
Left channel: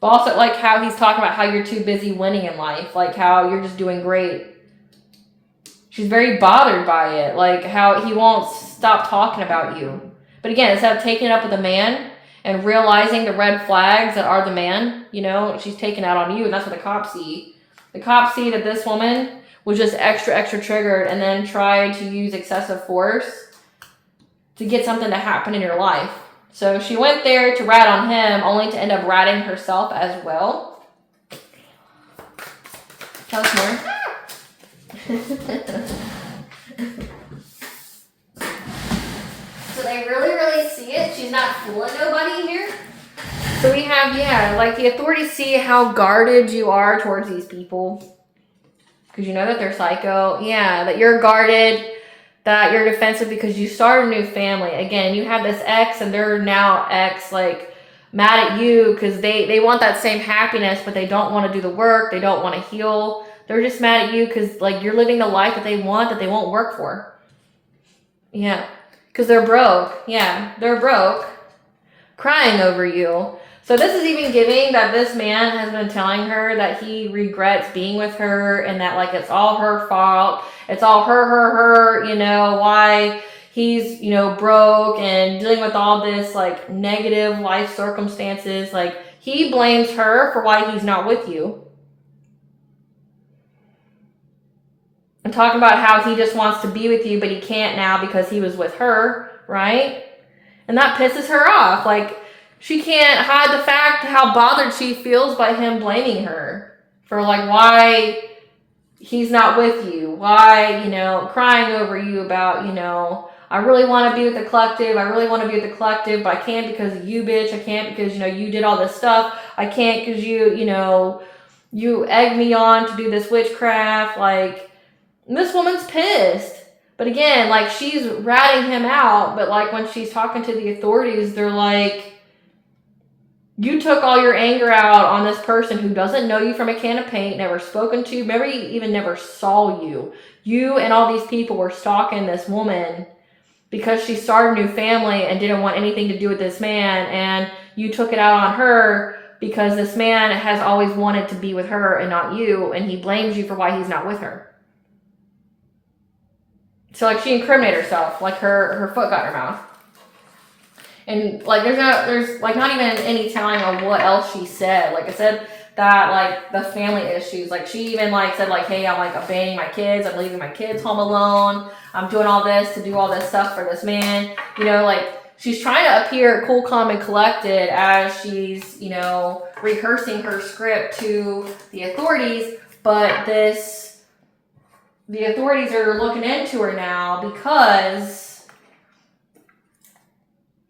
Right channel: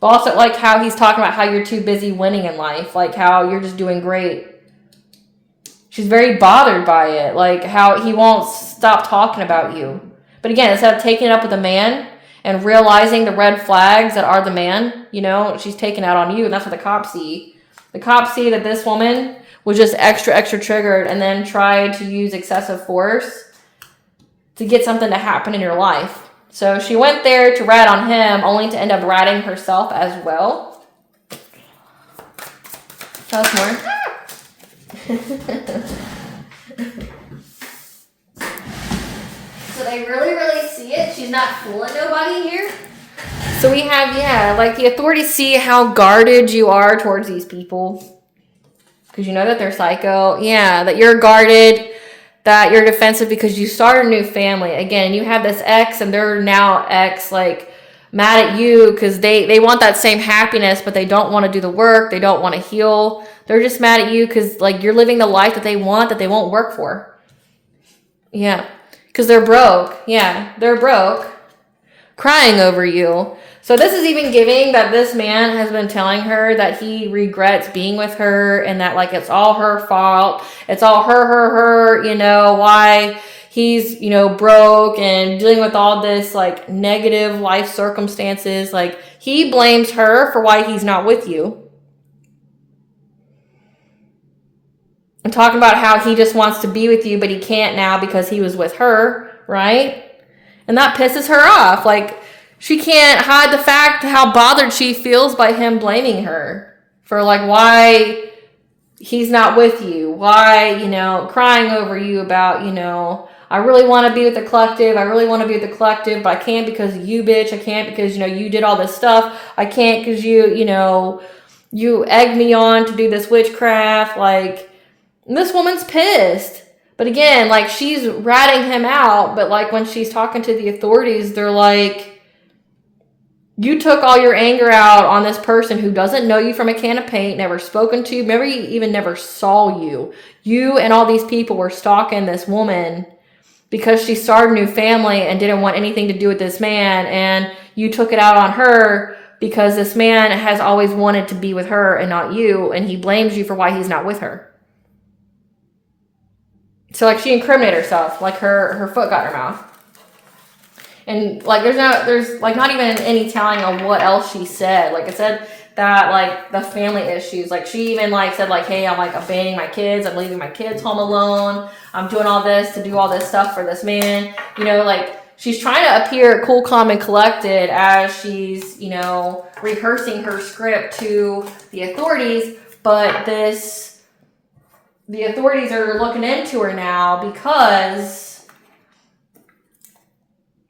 But also, like, how he's talking about how you're too busy winning in life. Like, how you're just doing great. She's very bothered by it. Like, how he won't stop talking about you. But again, instead of taking it up with a man and realizing the red flags that are the man, you know, she's taking out on you, and that's what the cops see. The cops see that this woman was just extra triggered and then tried to use excessive force to get something to happen in your life. So she went there to rat on him, only to end up ratting herself as well. Tell us more. So they really see it. She's not fooling nobody here. So we have, like, the authorities see how guarded you are towards these people. because you know that they're psycho. Yeah, that you're guarded, that you're defensive because you start a new family. Again, you have this ex and they're now ex, like mad at you because they want that same happiness, but they don't want to do the work. They don't want to heal. They're just mad at you because like you're living the life that they want that they won't work for. Yeah, because they're broke. Yeah, they're broke, crying over you. So this is even giving that this man has been telling her that he regrets being with her and that like it's all her fault. It's all her, you know, why he's, you know, broke and dealing with all this like negative life circumstances. Like he blames her for why he's not with you. And talking about how he just wants to be with you, but he can't now because he was with her, right? And that pisses her off. Like, she can't hide the fact how bothered she feels by him blaming her for like why he's not with you, why, you know, crying over you about, you know, I really want to be with the collective. I really want to be with the collective, but I can't because of you, bitch. I can't because, you know, you did all this stuff. I can't because you know, you egged me on to do this witchcraft. Like, this woman's pissed. But again, like, she's ratting him out, but like when she's talking to the authorities, they're like, you took all your anger out on this person who doesn't know you from a can of paint, never spoken to you, maybe even never saw you. You and all these people were stalking this woman because she started a new family and didn't want anything to do with this man, and you took it out on her because this man has always wanted to be with her and not you, and he blames you for why he's not with her. So like she incriminated herself, like her foot got in her mouth. And like there's like not even any telling of what else she said. Like it said that like the family issues, like she even like said like, hey, I'm like abandoning my kids, I'm leaving my kids home alone, I'm doing all this to do all this stuff for this man. You know, like she's trying to appear cool, calm, and collected as she's, you know, rehearsing her script to the authorities, but the authorities are looking into her now because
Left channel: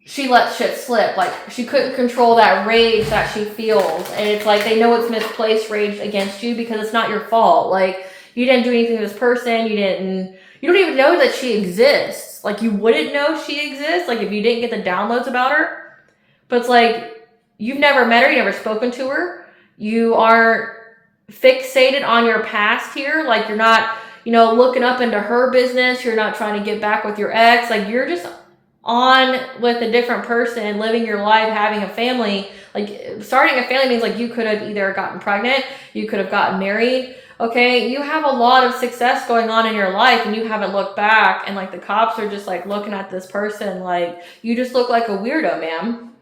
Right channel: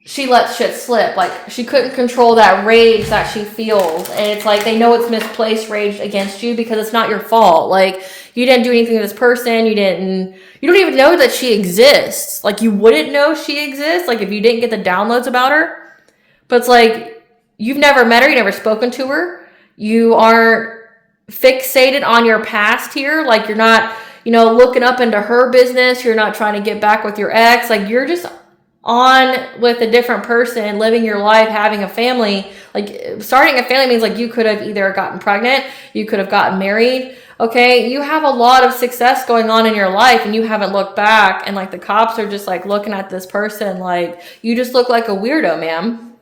she lets shit slip. Like, she couldn't control that rage that she feels. And it's like, they know it's misplaced rage against you because it's not your fault. Like, you didn't do anything to this person. You don't even know that she exists. Like, you wouldn't know she exists, like, if you didn't get the downloads about her. But it's like, you've never met her. You never spoken to her. You aren't fixated on your past here. Like, you're not, you know, looking up into her business. You're not trying to get back with your ex. Like, you're just on with a different person, living your life, having a family. Like, starting a family means like you could have either gotten pregnant, you could have gotten married. Okay, you have a lot of success going on in your life and you haven't looked back, and like the cops are just like looking at this person like, you just look like a weirdo, ma'am.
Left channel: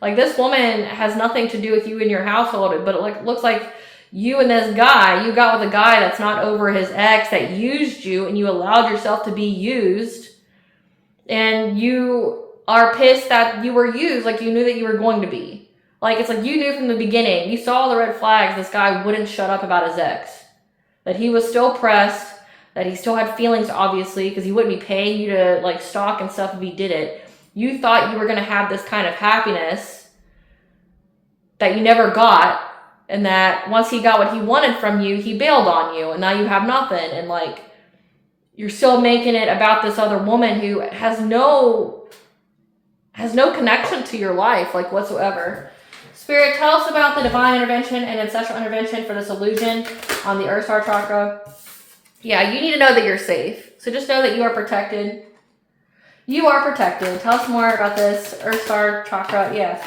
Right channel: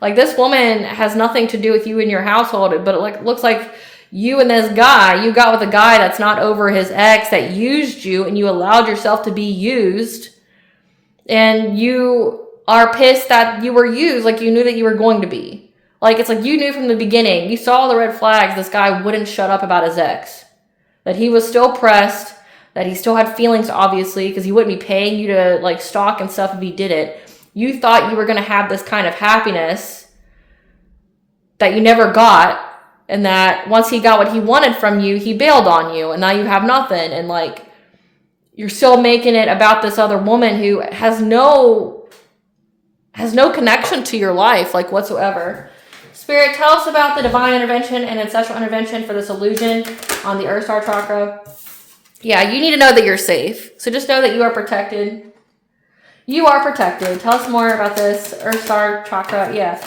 Like, this woman has nothing to do with you and your household, but it like looks like you and this guy, you got with a guy that's not over his ex that used you, and you allowed yourself to be used. And you are pissed that you were used like you knew that you were going to be. Like, it's like you knew from the beginning. You saw the red flags. This guy wouldn't shut up about his ex. That he was still pressed. That he still had feelings, obviously, because he wouldn't be paying you to, like, stalk and stuff if he did it. You thought you were going to have this kind of happiness that you never got. And that once he got what he wanted from you, he bailed on you. And now you have nothing. And, like, you're still making it about this other woman who has no connection to your life, like, whatsoever. Spirit, tell us about the divine intervention and ancestral intervention for this illusion on the Earth Star chakra. Yeah, you need to know that you're safe. So just know that you are protected. You are protected. Tell us more about this Earth Star chakra. Yeah.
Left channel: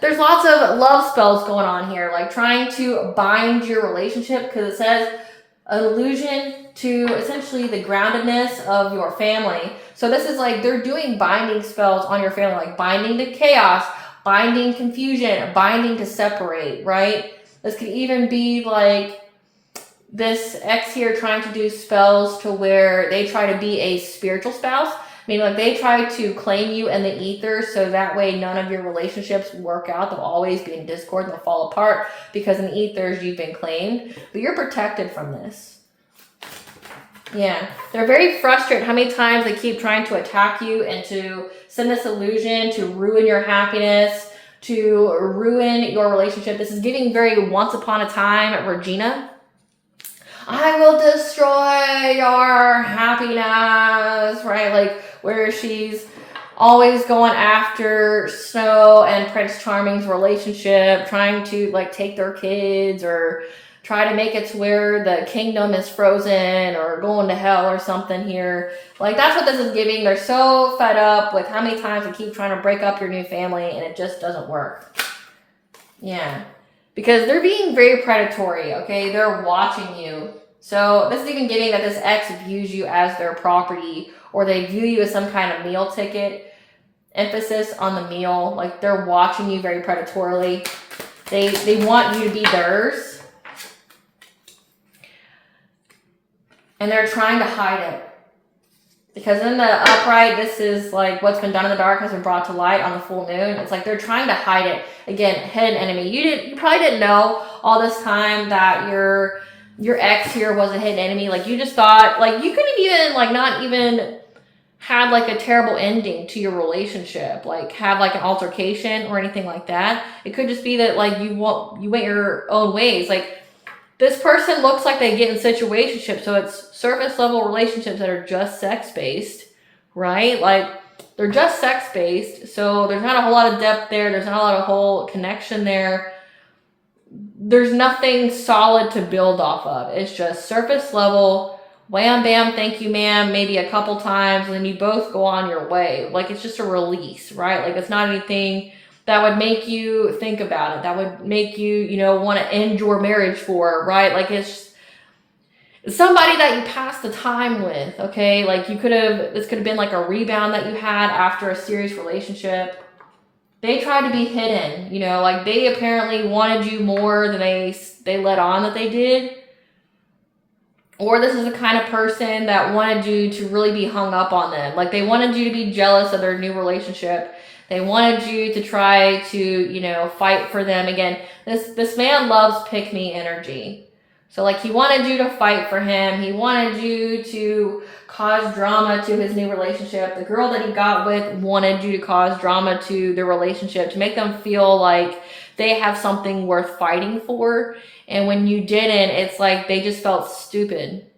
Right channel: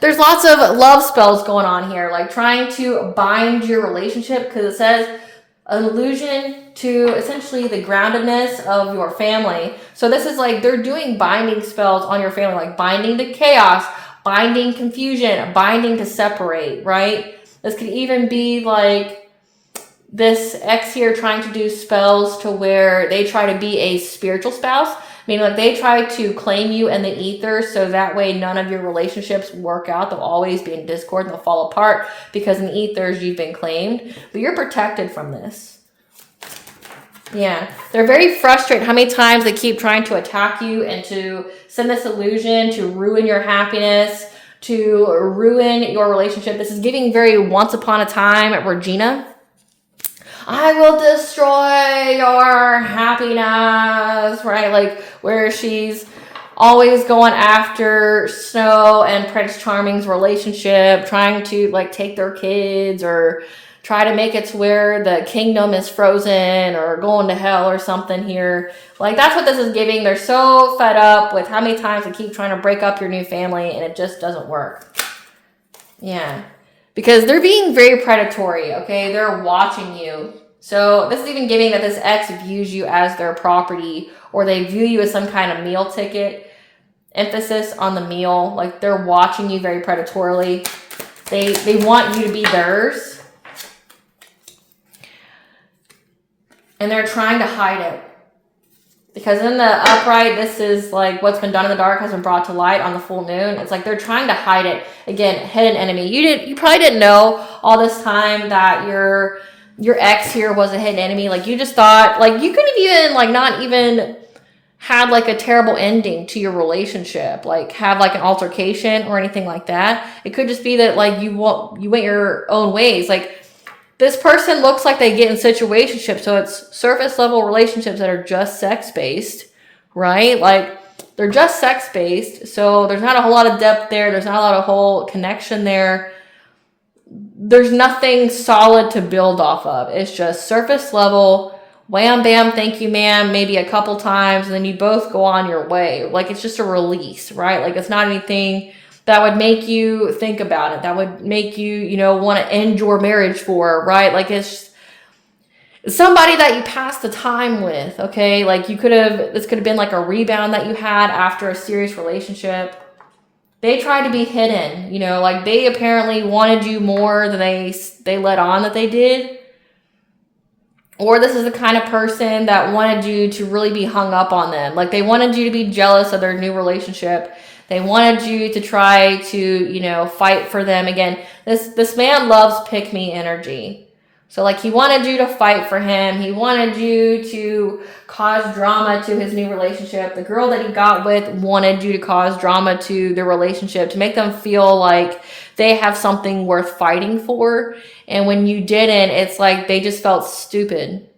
There's lots of love spells going on here, like trying to bind your relationship, because it says an illusion to essentially the groundedness of your family. So this is like they're doing binding spells on your family, like binding to chaos, binding confusion, binding to separate, right? This could even be like this ex here trying to do spells to where they try to be a spiritual spouse, meaning like they try to claim you in the ether so that way none of your relationships work out. They'll always be in discord and they'll fall apart because in the ethers you've been claimed, but you're protected from this. Yeah, they're very frustrated how many times they keep trying to attack you and to send this illusion to ruin your happiness, to ruin your relationship. This is giving very Once Upon a Time at Regina. I will destroy your happiness, right? Like where she's always going after Snow and Prince Charming's relationship, trying to like take their kids or try to make it to where the kingdom is frozen or going to hell or something here. Like that's what this is giving. They're so fed up with how many times they keep trying to break up your new family and it just doesn't work. Yeah. Because they're being very predatory, okay? They're watching you. So this is even giving that this ex views you as their property, or they view you as some kind of meal ticket. Emphasis on the meal. Like they're watching you very predatorily. They want you to be theirs. And they're trying to hide it. Because in the upright, this is like what's been done in the dark has been brought to light on the full moon. It's like they're trying to hide it. Again, hidden enemy. You probably didn't know all this time that your ex here was a hidden enemy. Like you just thought, like you could have even like not even had like a terrible ending to your relationship, like have like an altercation or anything like that. It could just be that like you went your own ways. Like this person looks like they get in situationships, so it's surface level relationships that are just sex based, right? Like they're just sex based, so there's not a whole lot of depth there. There's not a lot of whole connection there. There's nothing solid to build off of. It's just surface level, wham, bam, thank you, ma'am, maybe a couple times, and then you both go on your way. Like it's just a release, right? Like it's not anything that would make you think about it. That would make you, want to end your marriage for, right? Like it's somebody that you passed the time with, okay? Like this could have been like a rebound that you had after a serious relationship. They tried to be hidden, like they apparently wanted you more than they let on that they did. Or this is the kind of person that wanted you to really be hung up on them. Like they wanted you to be jealous of their new relationship. They wanted you to try to, fight for them. Again, this man loves pick-me energy. So like he wanted you to fight for him. He wanted you to cause drama to his new relationship. The girl that he got with wanted you to cause drama to their relationship, to make them feel like they have something worth fighting for. And when you didn't, it's like they just felt stupid.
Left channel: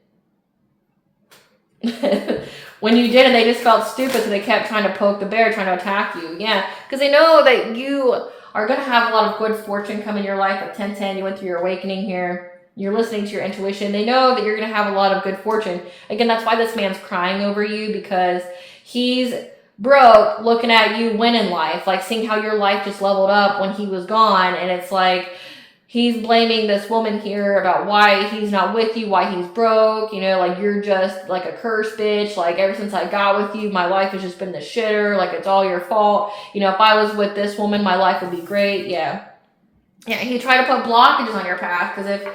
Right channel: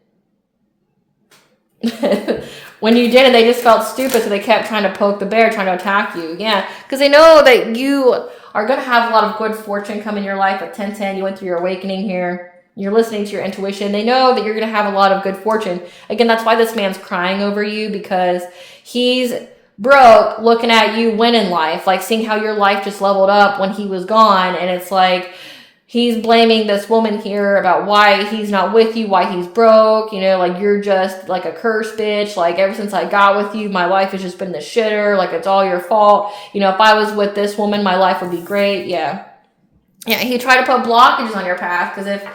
When you didn't, they just felt stupid, so they kept trying to poke the bear, trying to attack you. Yeah, because they know that you are going to have a lot of good fortune come in your life. At 1010, you went through your awakening here. You're listening to your intuition. They know that you're going to have a lot of good fortune. Again, that's why this man's crying over you, because he's broke looking at you win in life, like seeing how your life just leveled up when he was gone. And it's like he's blaming this woman here about why he's not with you, why he's broke, like you're just like a curse bitch. Like ever since I got with you, my life has just been the shitter. Like it's all your fault. If I was with this woman, my life would be great. Yeah, he tried to put blockages on your path because if,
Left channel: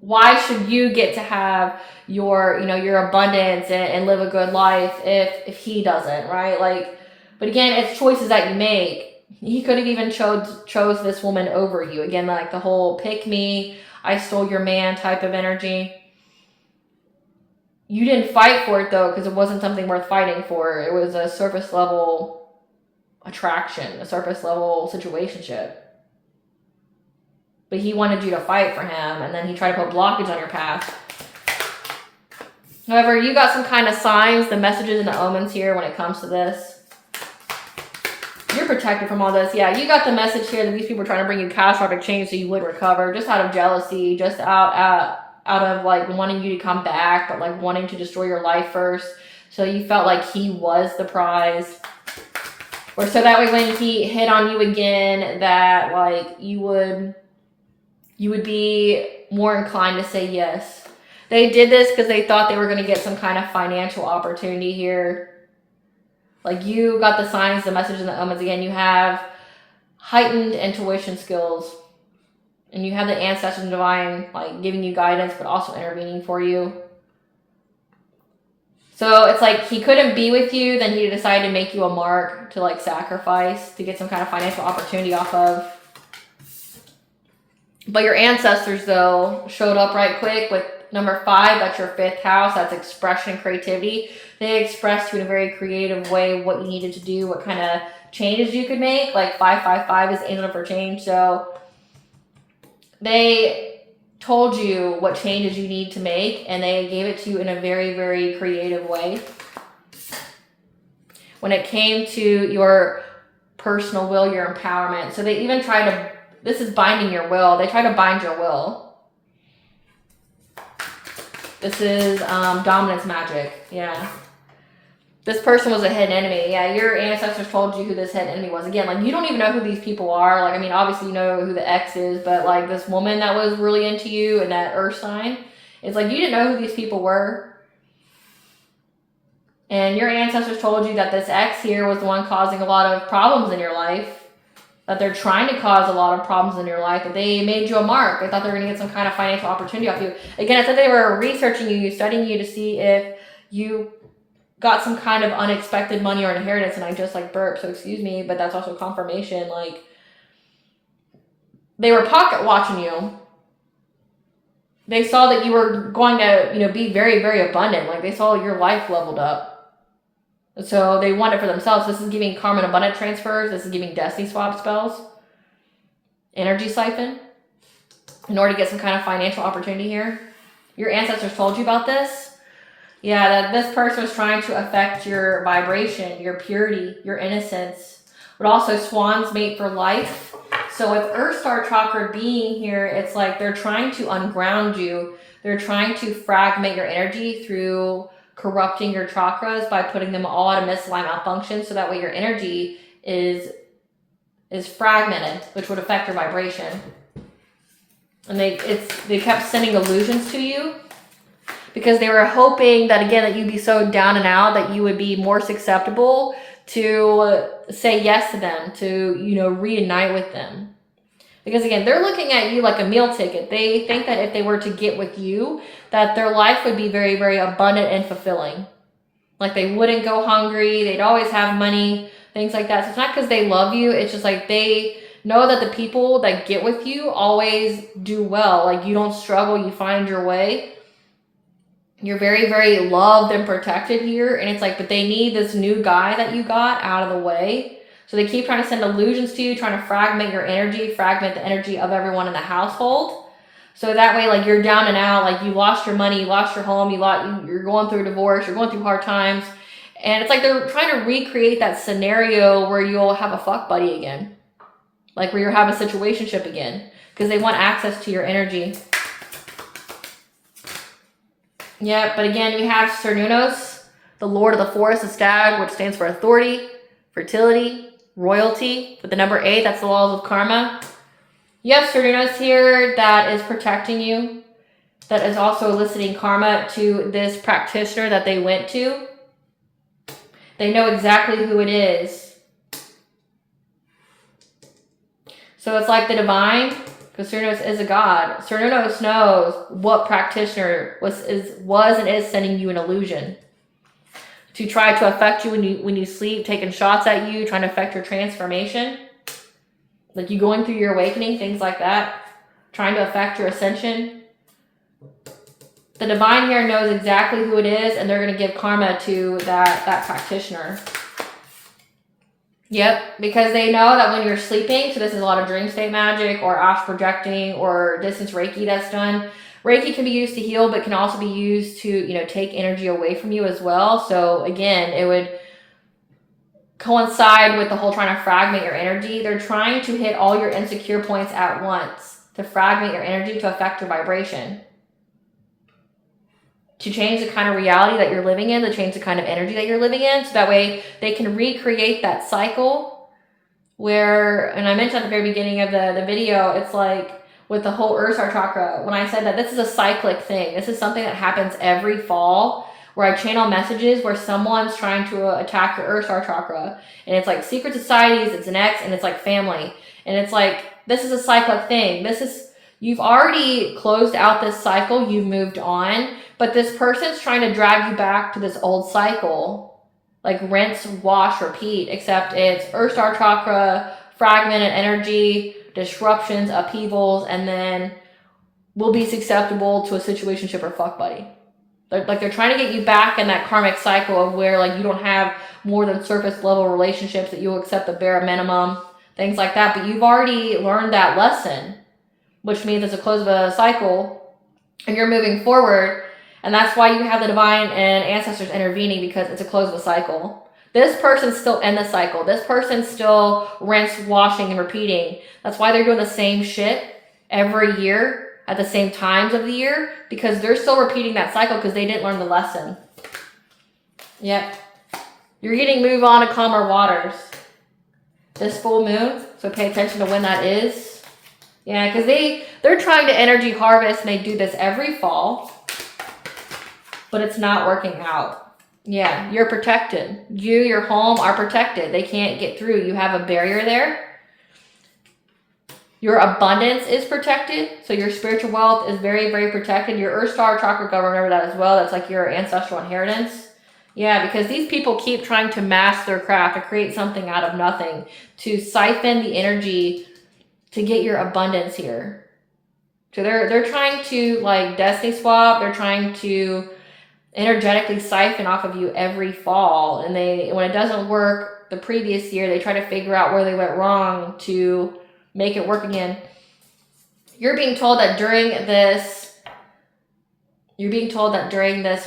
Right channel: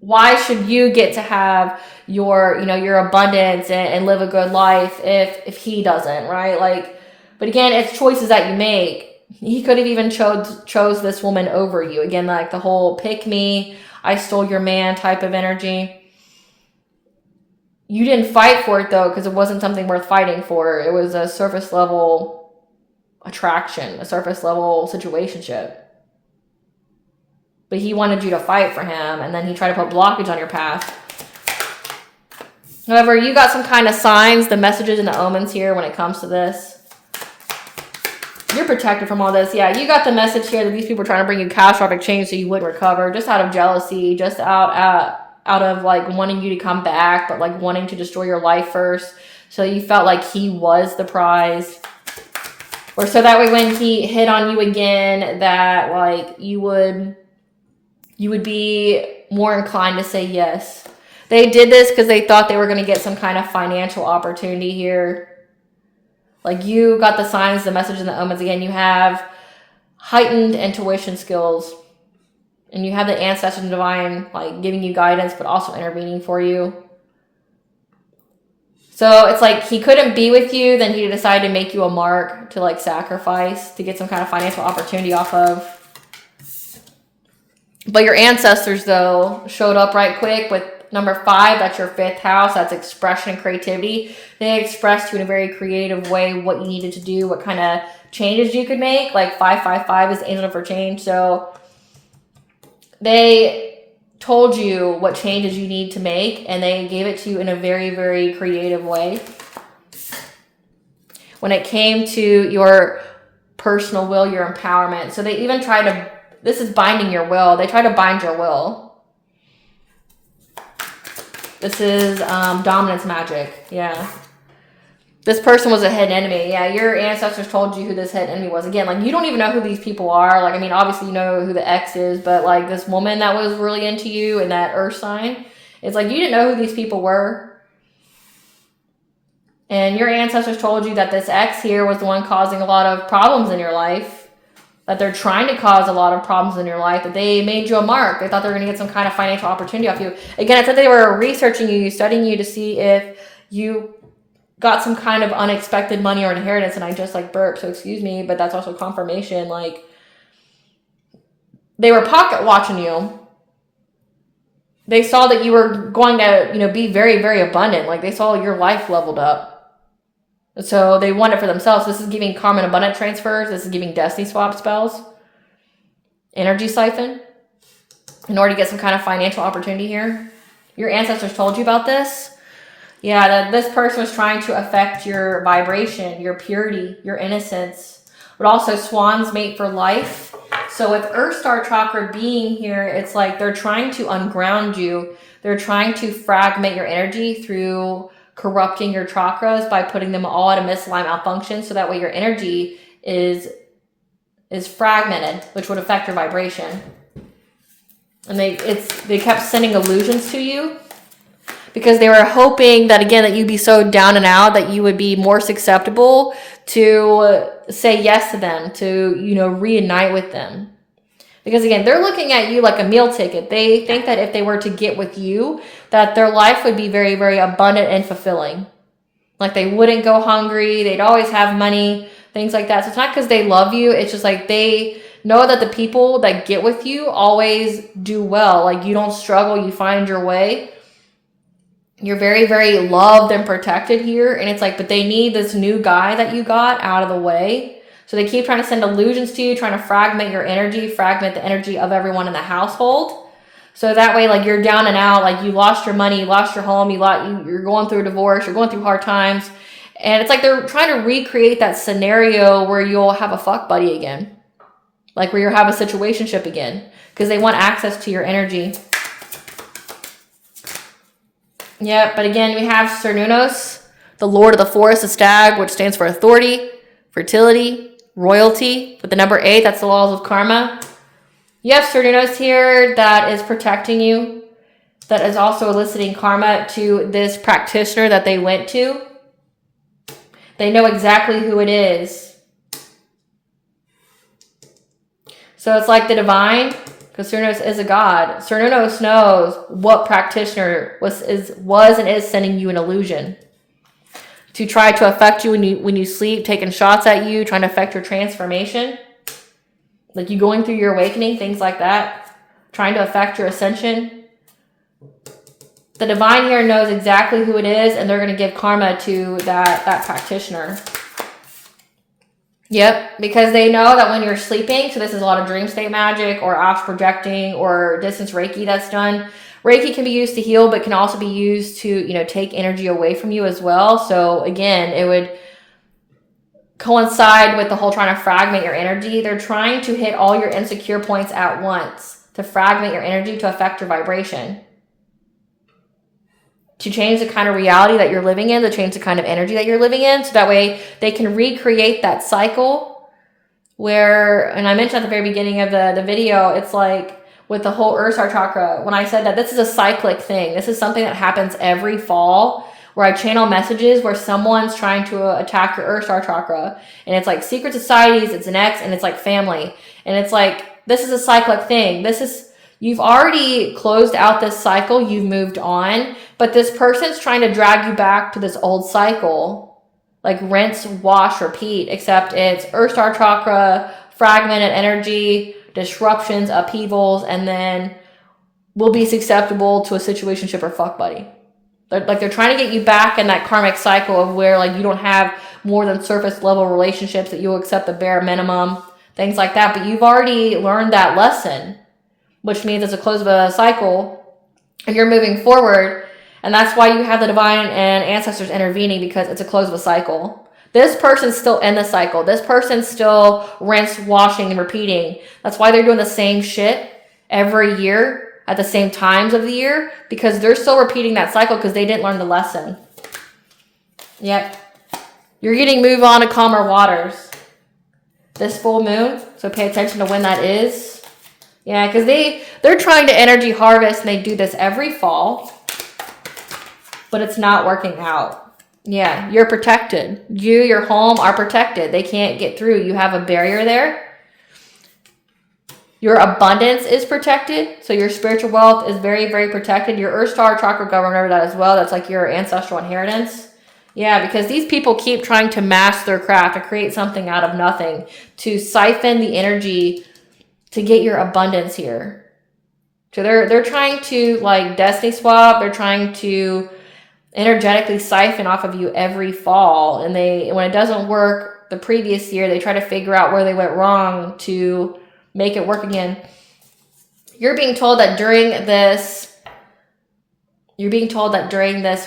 why should you get to have your, your abundance and live a good life if he doesn't, right? Like, but again, it's choices that you make. He could have even chose this woman over you. Again, like the whole pick me, I stole your man type of energy. You didn't fight for it though, because it wasn't something worth fighting for. It was a surface level attraction, a surface level situationship. But he wanted you to fight for him, and then he tried to put blockage on your path. However, you got some kind of signs, the messages and the omens here when it comes to this. You're protected from all this. Yeah, you got the message here that these people are trying to bring you catastrophic change so you wouldn't recover, just out of jealousy, just out of like wanting you to come back, but like wanting to destroy your life first. So you felt like he was the prize. Or so that way when he hit on you again, that like you would be more inclined to say yes. They did this because they thought they were going to get some kind of financial opportunity here. Like you got the signs, the message, and the omens. Again, you have heightened intuition skills. And you have the ancestors and divine like giving you guidance, but also intervening for you. So it's like he couldn't be with you, then he decided to make you a mark to like sacrifice to get some kind of financial opportunity off of. But your ancestors, though, showed up right quick with number 5. That's your 5th house. That's expression and creativity. They expressed to you in a very creative way what you needed to do, what kind of changes you could make. Like 555 is angel for change. So they told you what changes you need to make, and they gave it to you in a very, very creative way. When it came to your personal will, your empowerment. So they even try to, this is binding your will. They try to bind your will. This is dominance magic. Yeah. This person was a hidden enemy. Yeah, your ancestors told you who this hidden enemy was. Again, like, you don't even know who these people are. Like, I mean, obviously you know who the ex is, but like this woman that was really into you and that earth sign, it's like you didn't know who these people were. And your ancestors told you that this ex here was the one causing a lot of problems in your life, that they're trying to cause a lot of problems in your life, that they made you a mark. They thought they were going to get some kind of financial opportunity off you. Again, it said they were researching you, studying you to see if you got some kind of unexpected money or inheritance. And I just like burped, so excuse me, but that's also confirmation. Like, they were pocket watching you. They saw that you were going to, you know, be very, very abundant. Like, they saw your life leveled up. So they want it for themselves. This is giving karma and abundant transfers. This is giving destiny swap spells. Energy siphon. In order to get some kind of financial opportunity here. Your ancestors told you about this. Yeah, that this person was trying to affect your vibration, your purity, your innocence. But also swans mate for life. So with Earth Star Chakra being here, it's like they're trying to unground you. They're trying to fragment your energy through corrupting your chakras by putting them all at a misaligned malfunction, so that way your energy is fragmented, which would affect your vibration. And they kept sending illusions to you because they were hoping that, again, that you'd be so down and out that you would be more susceptible to say yes to them, to, you know, reunite with them. Because again, they're looking at you like a meal ticket. They think that if they were to get with you, that their life would be very, very abundant and fulfilling. Like, they wouldn't go hungry. They'd always have money, things like that. So it's not because they love you. It's just like they know that the people that get with you always do well. Like, you don't struggle. You find your way. You're very, very loved and protected here. And it's like, but they need this new guy that you got out of the way. So they keep trying to send illusions to you, trying to fragment your energy, fragment the energy of everyone in the household. So that way, like, you're down and out, like, you lost your money, you lost your home, you're going through a divorce, you're going through hard times. And it's like they're trying to recreate that scenario where you'll have a fuck buddy again. Like, where you'll have a situationship again. Because they want access to your energy. Yeah, but again, we have Cernunnos, the Lord of the Forest, the stag, which stands for authority, fertility, royalty. With the number 8, that's the laws of karma. You have Cernunnos here that is protecting you, that is also eliciting karma to this practitioner that they went to. They know exactly who it is. So it's like the divine, because Cernunnos is a god. Cernunnos knows what practitioner was and is sending you an illusion to try to affect you when you sleep, taking shots at you, trying to affect your transformation. Like, you going through your awakening, things like that, trying to affect your ascension. The divine here knows exactly who it is, and they're going to give karma to that practitioner. Yep, because they know that when you're sleeping, so this is a lot of dream state magic or astral projecting or distance Reiki that's done. Reiki can be used to heal, but can also be used to, you know, take energy away from you as well. So again, it would coincide with the whole trying to fragment your energy. They're trying to hit all your insecure points at once to fragment your energy, to affect your vibration, to change the kind of reality that you're living in, to change the kind of energy that you're living in. So that way they can recreate that cycle where, and I mentioned at the very beginning of the video, it's like, with the whole Earth Star Chakra, when I said that this is a cyclic thing, this is something that happens every fall, where I channel messages where someone's trying to attack your Earth Star Chakra. And it's like secret societies, it's an ex, and it's like family. And it's like, this is a cyclic thing. You've already closed out this cycle, you've moved on, but this person's trying to drag you back to this old cycle. Like rinse, wash, repeat, except it's Earth Star Chakra, fragmented energy, disruptions, upheavals, and then will be susceptible to a situationship or fuck buddy. They're trying to get you back in that karmic cycle of where, like, you don't have more than surface level relationships, that you'll accept the bare minimum, things like that. But you've already learned that lesson, which means at the close of a cycle, you're moving forward. And that's why you have the divine and ancestors intervening, because it's a close of a cycle. This person's still in the cycle. This person's still rinse, washing, and repeating. That's why they're doing the same shit every year at the same times of the year, because they're still repeating that cycle because they didn't learn the lesson. Yep. You're getting move on to calmer waters. This full moon, so pay attention to when that is. Yeah, because they're trying to energy harvest, and they do this every fall. But it's not working out. Yeah, you're protected. You, your home are protected. They can't get through. You have a barrier there. Your abundance is protected. So your spiritual wealth is very, very protected. Your Earth Star chakra, remember that as well. That's like your ancestral inheritance. Yeah, because these people keep trying to master their craft, to create something out of nothing, to siphon the energy to get your abundance here. So they're trying to like destiny swap. They're trying to energetically siphon off of you every fall, and when it doesn't work the previous year, they try to figure out where they went wrong to make it work again. You're being told that during this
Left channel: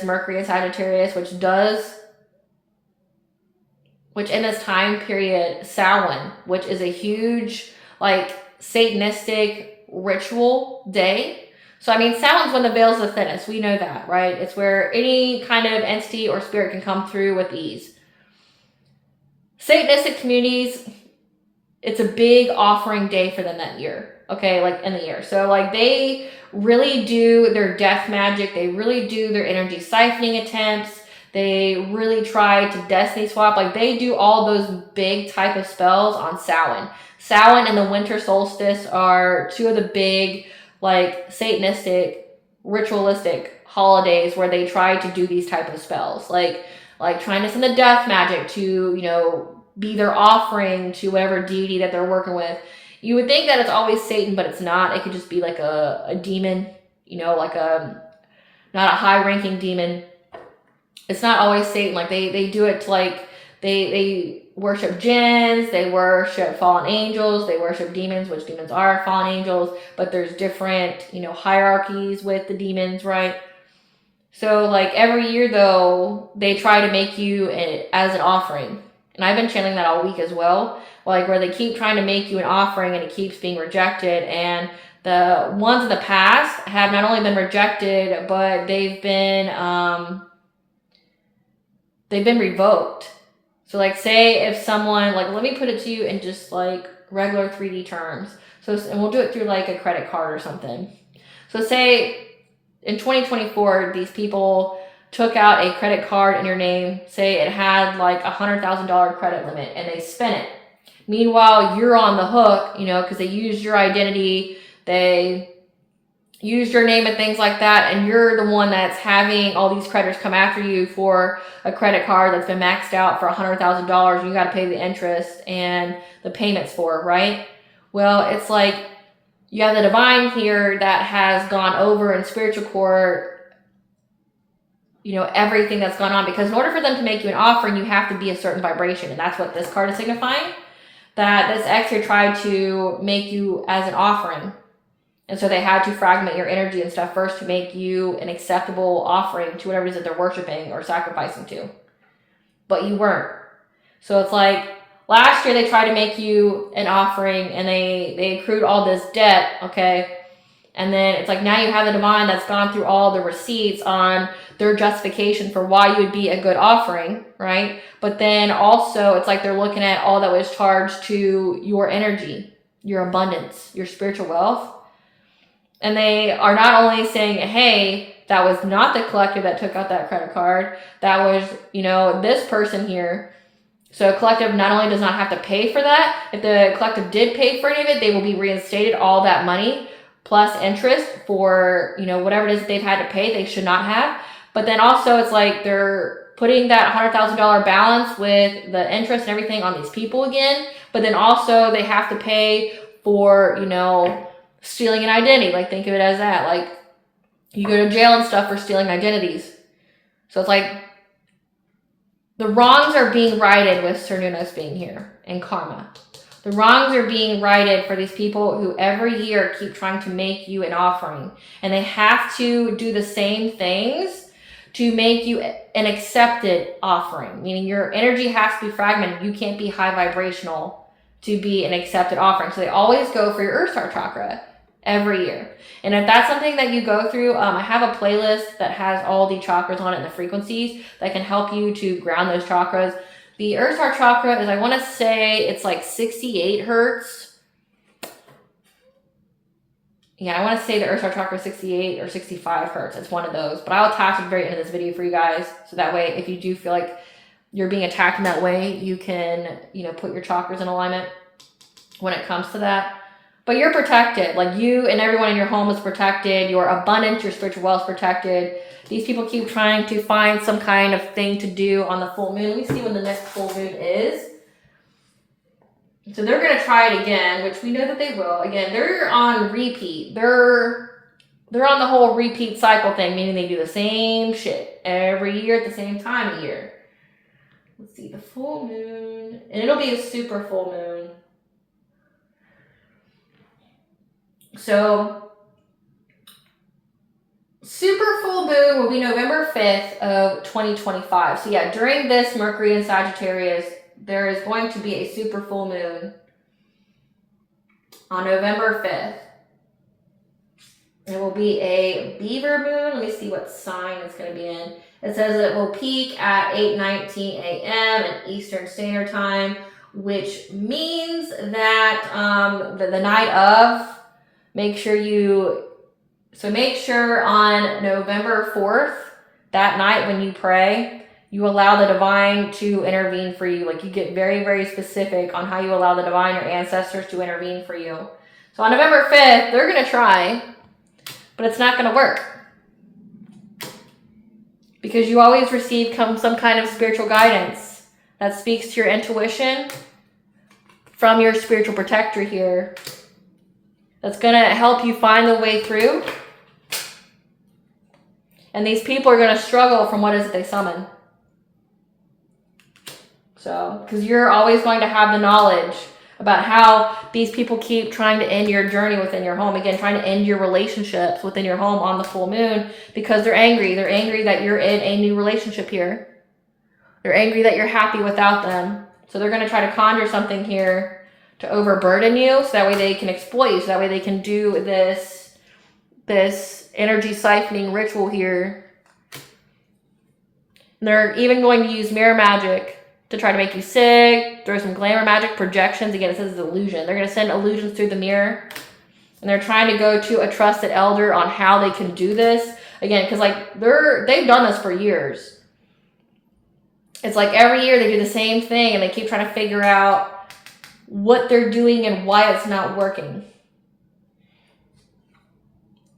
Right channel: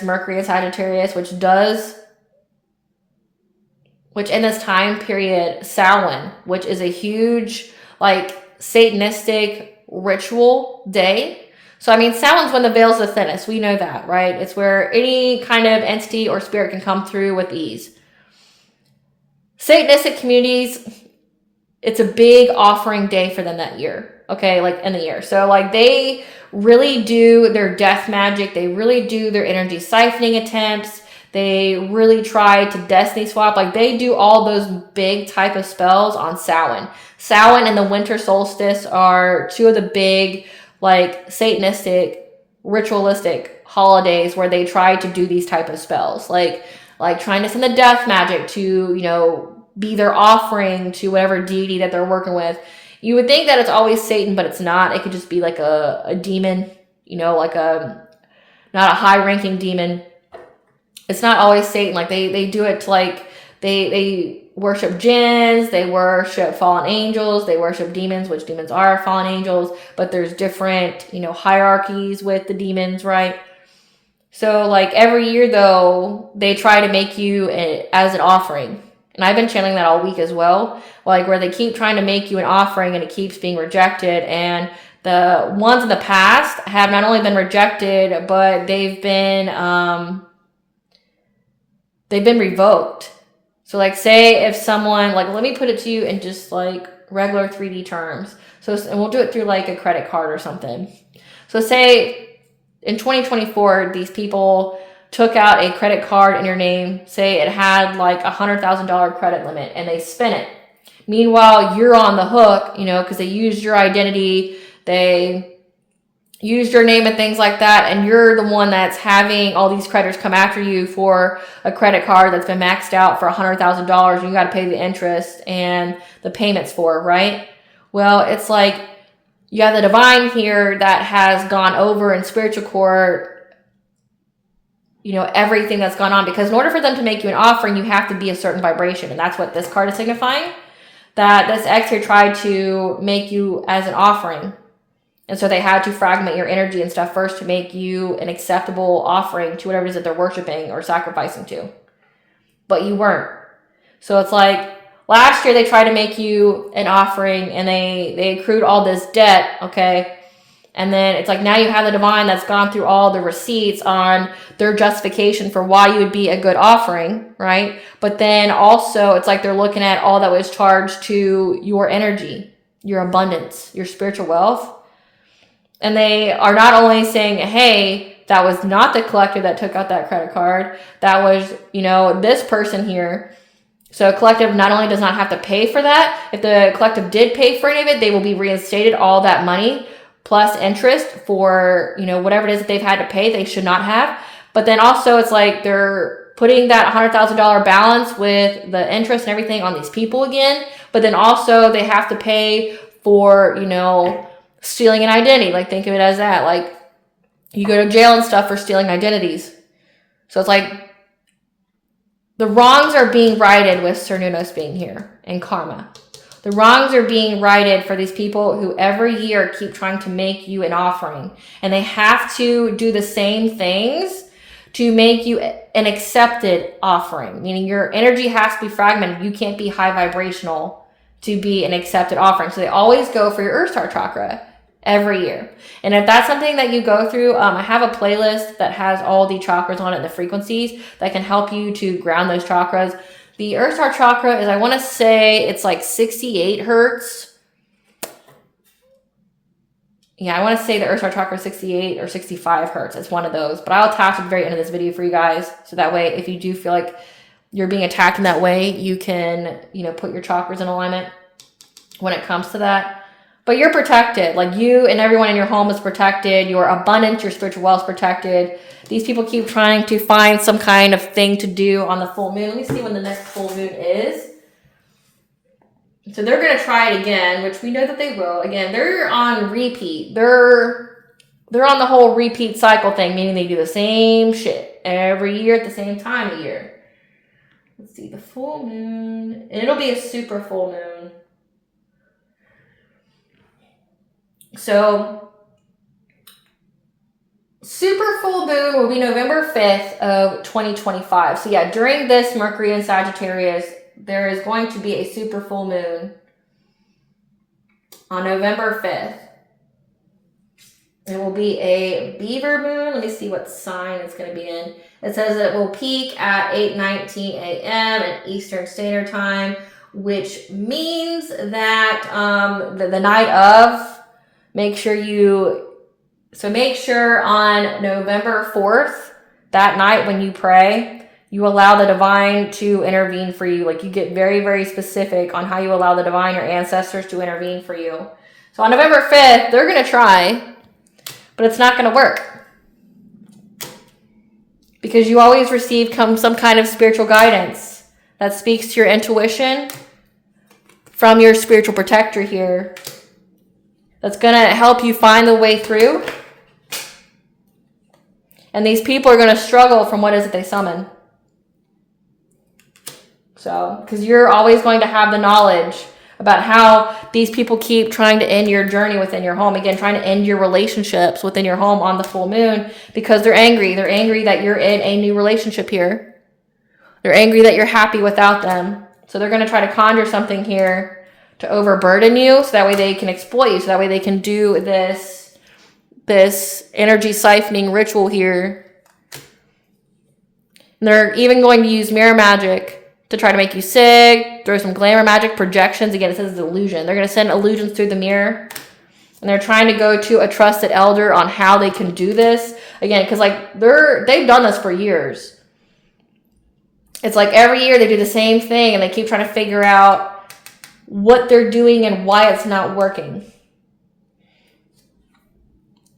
Mercury in Sagittarius, which in this time period, Samhain, which is a huge like Satanistic ritual day. So, I mean, Samhain's when the veil's the thinnest. We know that, right? It's where any kind of entity or spirit can come through with ease. Satanistic communities, it's a big offering day for them that year, okay? Like in the year. So, like, they really do their death magic. They really do their energy siphoning attempts. They really try to destiny swap. Like, they do all those big type of spells on Samhain. Samhain and the winter solstice are two of the big like Satanistic, ritualistic holidays where they try to do these type of spells, like trying to send the death magic to, be their offering to whatever deity that they're working with. You would think that it's always Satan, but it's not. It could just be like a demon, like not a high-ranking demon. It's not always Satan. Like they do it to like they worship jinns, they worship fallen angels, they worship demons, which demons are fallen angels, but there's different, hierarchies with the demons, right? So like every year though, they try to make you as an offering. And I've been channeling that all week as well, like where they keep trying to make you an offering and it keeps being rejected. And the ones in the past have not only been rejected, but they've been revoked. So like say if someone, like let me put it to you in just like regular 3D terms. So, and we'll do it through like a credit card or something. So say in 2024, these people took out a credit card in your name. Say it had like $100,000 credit limit and they spent it. Meanwhile, you're on the hook, because they used your identity. They used your name and things like that, and you're the one that's having all these creditors come after you for a credit card that's been maxed out for $100,000. You got to pay the interest and the payments for, right? Well, it's like you have the divine here that has gone over in spiritual court, everything that's gone on, because in order for them to make you an offering, you have to be a certain vibration, and that's what this card is signifying, that this X here tried to make you as an offering. And so they had to fragment your energy and stuff first to make you an acceptable offering to whatever it is that they're worshiping or sacrificing to. But you weren't. So it's like last year they tried to make you an offering and they accrued all this debt, okay? And then it's like now you have the divine that's gone through all the receipts on their justification for why you would be a good offering, right? But then also it's like they're looking at all that was charged to your energy, your abundance, your spiritual wealth. And they are not only saying, hey, that was not the collector that took out that credit card. That was, this person here. So a collective not only does not have to pay for that. If the collective did pay for any of it, they will be reinstated all that money plus interest for, whatever it is that they've had to pay. They should not have. But then also it's like they're putting that $100,000 balance with the interest and everything on these people again. But then also they have to pay for, stealing an identity. Like think of it as that. Like you go to jail and stuff for stealing identities. So it's like the wrongs are being righted with Cernunnos being here and karma. The wrongs are being righted for these people who every year keep trying to make you an offering. And they have to do the same things to make you an accepted offering, meaning your energy has to be fragmented. You can't be high vibrational to be an accepted offering. So they always go for your Earth Star chakra every year. And if that's something that you go through, I have a playlist that has all the chakras on it, the frequencies that can help you to ground those chakras. The Earth Star chakra is, I want to say it's like 68 hertz. Yeah, I want to say the Earth Star chakra is 68 or 65 hertz. It's one of those. But I'll attach at the very end of this video for you guys. So that way, if you do feel like you're being attacked in that way, you can, put your chakras in alignment when it comes to that. But you're protected. Like, you and everyone in your home is protected. Your abundance, your spiritual wealth is protected. These people keep trying to find some kind of thing to do on the full moon. Let me see when the next full moon is. So they're going to try it again, which we know that they will. Again, they're on repeat. They're on the whole repeat cycle thing, meaning they do the same shit every year at the same time of year. Let's see, the full moon. And it'll be a super full moon. So, super full moon will be November 5th of 2025. So yeah, during this Mercury in Sagittarius, there is going to be a super full moon on November 5th. It will be a beaver moon. Let me see what sign it's going to be in. It says it will peak at 8:19 a.m. at Eastern Standard Time, which means that the night of, make sure on November 4th, that night when you pray, you allow the divine to intervene for you. Like, you get very, very specific on how you allow the divine, your ancestors, to intervene for you. So on November 5th, they're going to try, but it's not going to work. Because you always receive some kind of spiritual guidance that speaks to your intuition from your spiritual protector here. That's going to help you find the way through. And these people are going to struggle from what is it they summon. So, because you're always going to have the knowledge about how these people keep trying to end your journey within your home. Again, trying to end your relationships within your home on the full moon because they're angry. They're angry that you're in a new relationship here. They're angry that you're happy without them. So they're going to try to conjure something here to overburden you so that way they can exploit you. So that way they can do this energy siphoning ritual here. And they're even going to use mirror magic to try to make you sick, throw some glamour magic, projections. Again, it says it's illusion. They're going to send illusions through the mirror. And they're trying to go to a trusted elder on how they can do this. Again, because they've done this for years. It's like every year they do the same thing and they keep trying to figure out what they're doing and why it's not working.